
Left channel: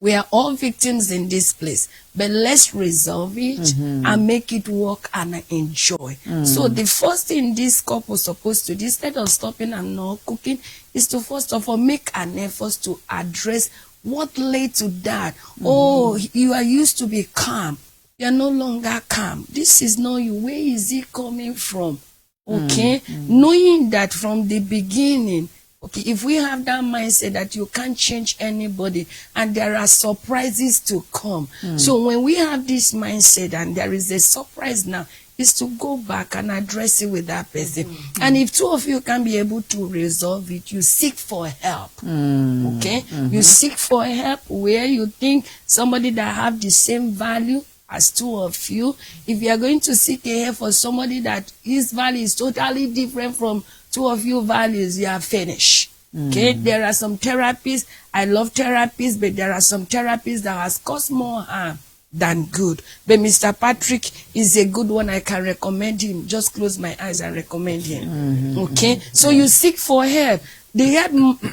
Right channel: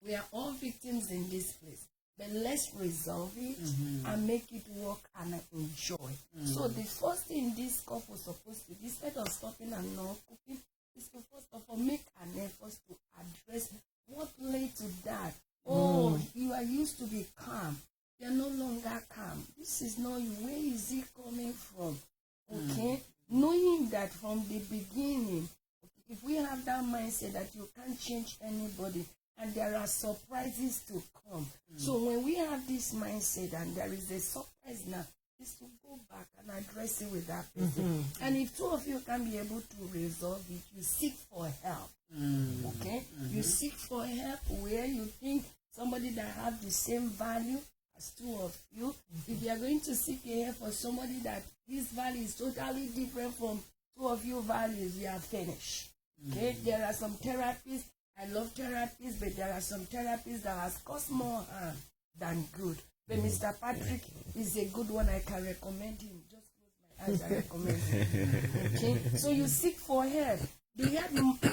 We are all victims in this place, but let's resolve it and make it work and enjoy. So the first thing this couple is supposed to do, instead of stopping and not cooking, is to first of all make an effort to address what led to that. Oh, you are used to be calm. You are no longer calm. This is not you. Where is it coming from? Okay? Knowing that from the beginning, okay, if we have that mindset that you can't change anybody and there are surprises to come. So when we have this mindset and there is a surprise now, is to go back and address it with that person. And if two of you can be able to resolve it, you seek for help. Okay? You seek for help where you think somebody that have the same value as two of you. If you are going to seek a help for somebody that his value is totally different from two of your values, you are finished. Okay, there are some therapies. I love therapies, but there are some therapies that has caused more harm than good. But Mr. Patrick is a good one. I can recommend him. Just close my eyes and recommend him. Okay, so you seek for help. The help,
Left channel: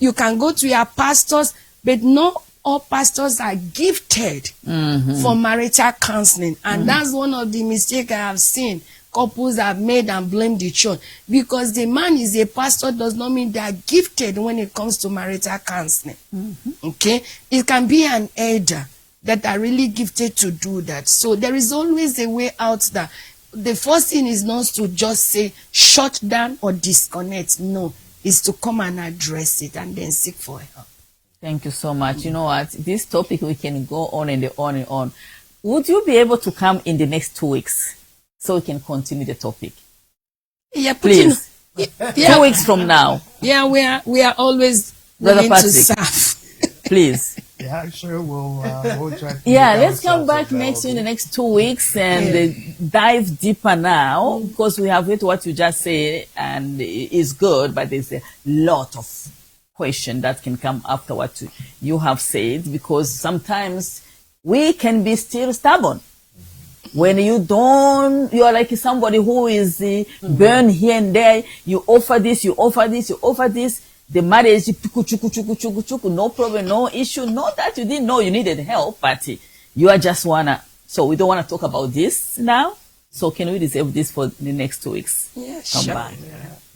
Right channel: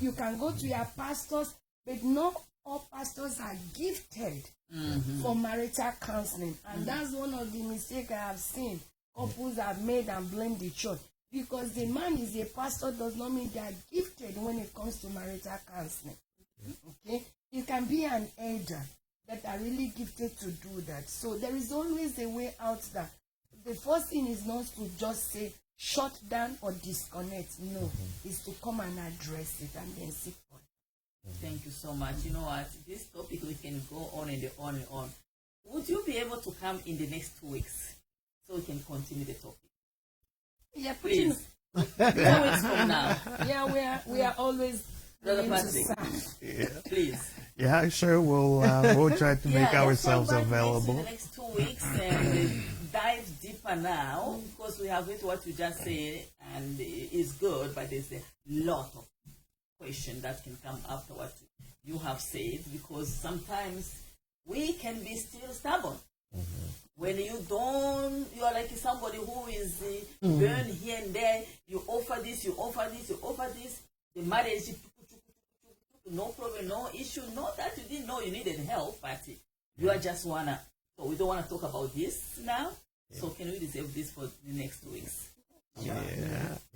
you can go to your pastors, but not all pastors are gifted for marital counseling, and that's one of the mistakes I have seen couples have made and blame the church. Because the man is a pastor does not mean they are gifted when it comes to marital counseling. Okay? It can be an elder that are really gifted to do that. So there is always a way out there. The first thing is not to just say shut down or disconnect. No, it's to come and address it and then seek for help. Thank you so much. You know what? This topic, we can go on and on and on. Would you be able to come in the next 2 weeks so we can continue the topic? Yeah, please. 2 weeks from now. Yeah, we are always Brother willing Patrick, to serve. please. Yeah, sure. We'll try to. Yeah, make let's come back ourselves in the available. next 2 weeks and dive deeper now, because we have heard what you just said and it's good, but there's a lot of question that can come after what you have said, because sometimes we can be still stubborn. When you are like somebody who is burned here and there, you offer this, you offer this, you offer this, the marriage, no problem, no issue. Not that you didn't know you needed help, but you are just so we don't want to talk about this now. So can we reserve this for the next 2 weeks? Yeah, Come sure. back.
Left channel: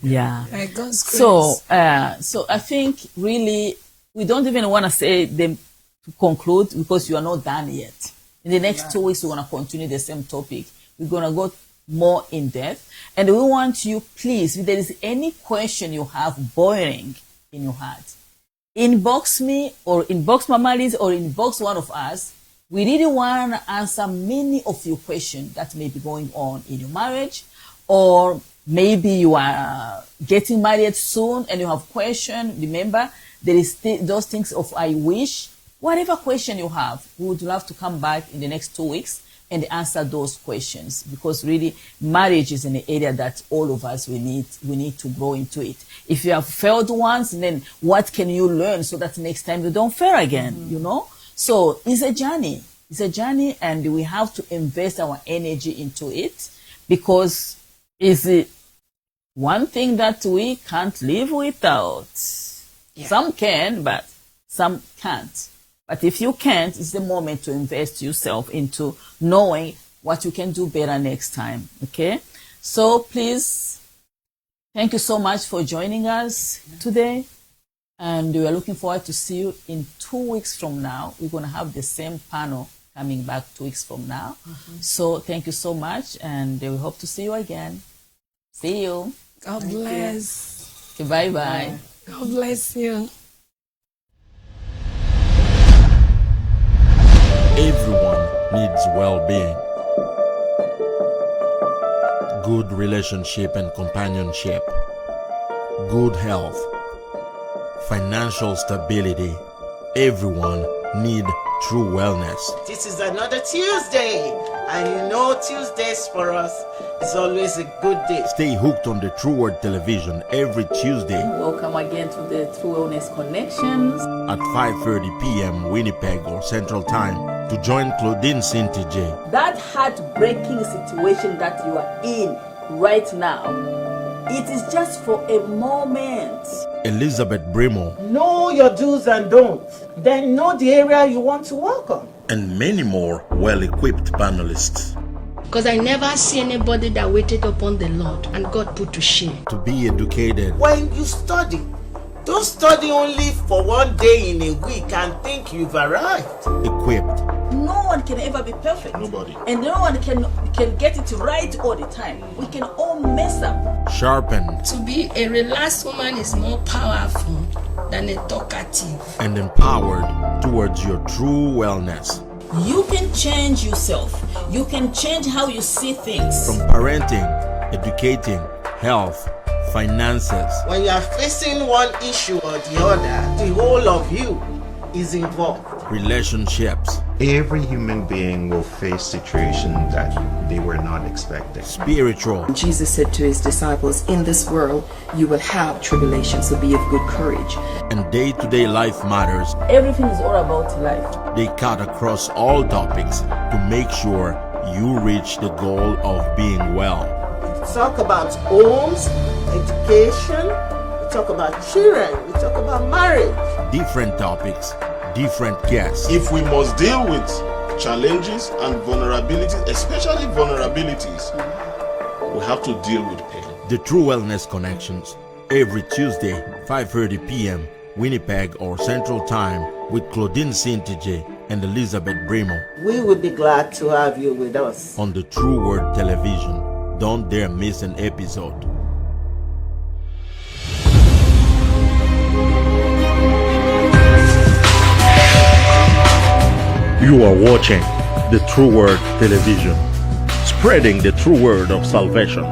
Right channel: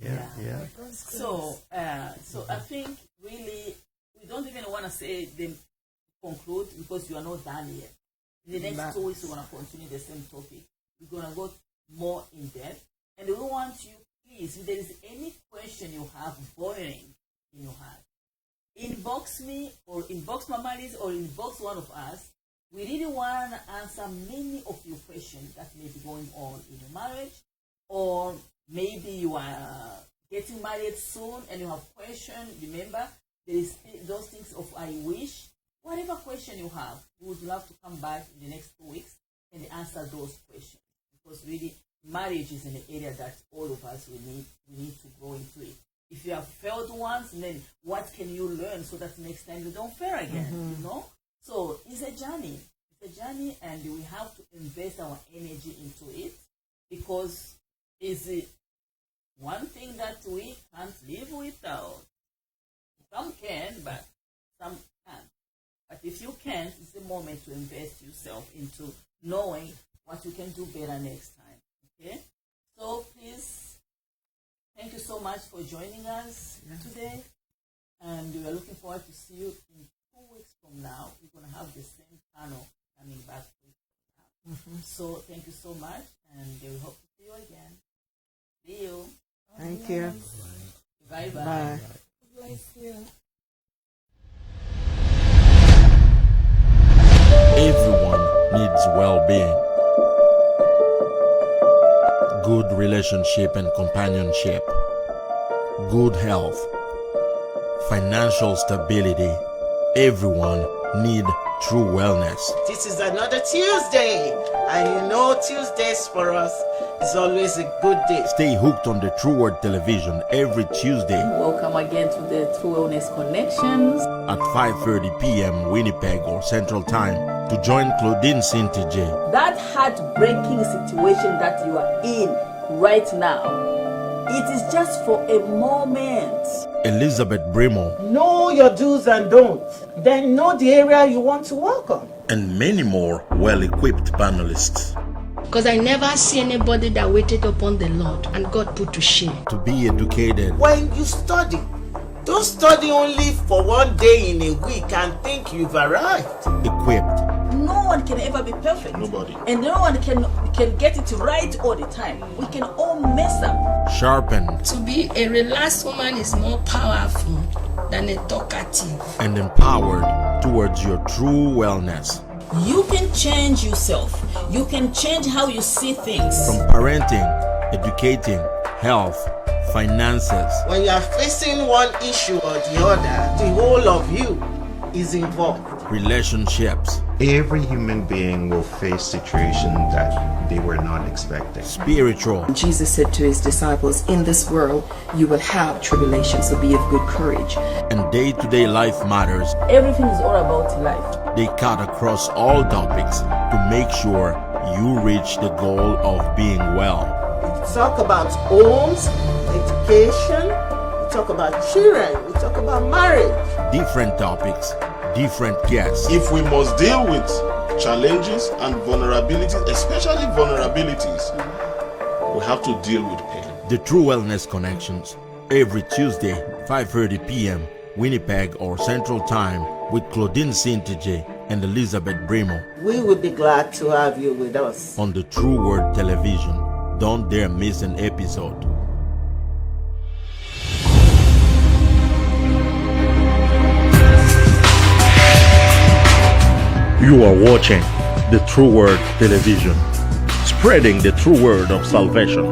Yeah. By God's grace. So I think really we don't even want to say them to conclude, because you are not done yet. In the next 2 weeks, we're going to continue the same topic. We're going to go more in depth. And we want you, please, if there is any question you have boiling in your heart, inbox me or inbox Mama Liz or inbox one of us. We really want to answer many of your questions that may be going on in your marriage, or maybe you are getting married soon and you have questions. Remember, there is those things of I wish. Whatever question you have, we would love to come back in the next 2 weeks and answer those questions, because really marriage is an area that all of us we need to grow into it. If you have failed once, then what can you learn so that next time you don't fail again, you know? So it's a journey. It's a journey, and we have to invest our energy into it, because it's one thing that we can't live without. Yeah. Some can, but some can't. But if you can't, it's the moment to invest yourself into knowing what you can do better next time. Okay? So please, thank you so much for joining us today. And we are looking forward to see you in 2 weeks from now. We're going to have the same panel coming back 2 weeks from now. So thank you so much, and we hope to see you again. See you. God bless. Okay, bye-bye. God bless you. Everyone needs well-being, good relationship and companionship, good health, financial stability. Everyone needs true wellness. This is another Tuesday, and you know Tuesdays for us is always a good day. Stay hooked on the True Word Television every Tuesday Welcome again to the True Wellness Connections. at 5:30 p.m. Winnipeg or Central Time to join Claudine CINTIJE. That heartbreaking situation that you are in right now, It is just for a moment. Elizabeth BRIMOH, Know your do's and don'ts. Then know the area you want to work on. and many more well-equipped panelists Because I never see anybody that waited upon the Lord and God put to shame. to be educated, When you study, don't study only for one day in a week and think you've arrived. equipped, No one can ever be perfect. Nobody. And no one can get it right all the time. We can all mess up. sharpened, To be a relaxed woman is more powerful than a talkative. and empowered towards your true wellness. You can change yourself. You can change how you see things. From parenting, educating, health, finances, When you are facing one issue or the other, the whole of you is involved. relationships, Every human being will face situations that they were not expecting. spiritual, Jesus said to his disciples, in this world you will have tribulation, so be of good courage. and day-to-day life matters. Everything is all about life. They cut across all topics to make sure you reach the goal of being well. We talk about homes, education, we talk about children, we talk about marriage. Different topics, different guests. If we must deal with challenges and vulnerabilities, especially vulnerabilities, we have to deal with pain. The True Wellness Connections, every Tuesday, 5:30 p.m. Winnipeg or Central Time, with Claudine CINTIJE and Elizabeth BRIMOH We will be glad to have you with us. on the True Word Television. Don't dare miss an episode. You are watching the True Word Television, spreading the true word of salvation.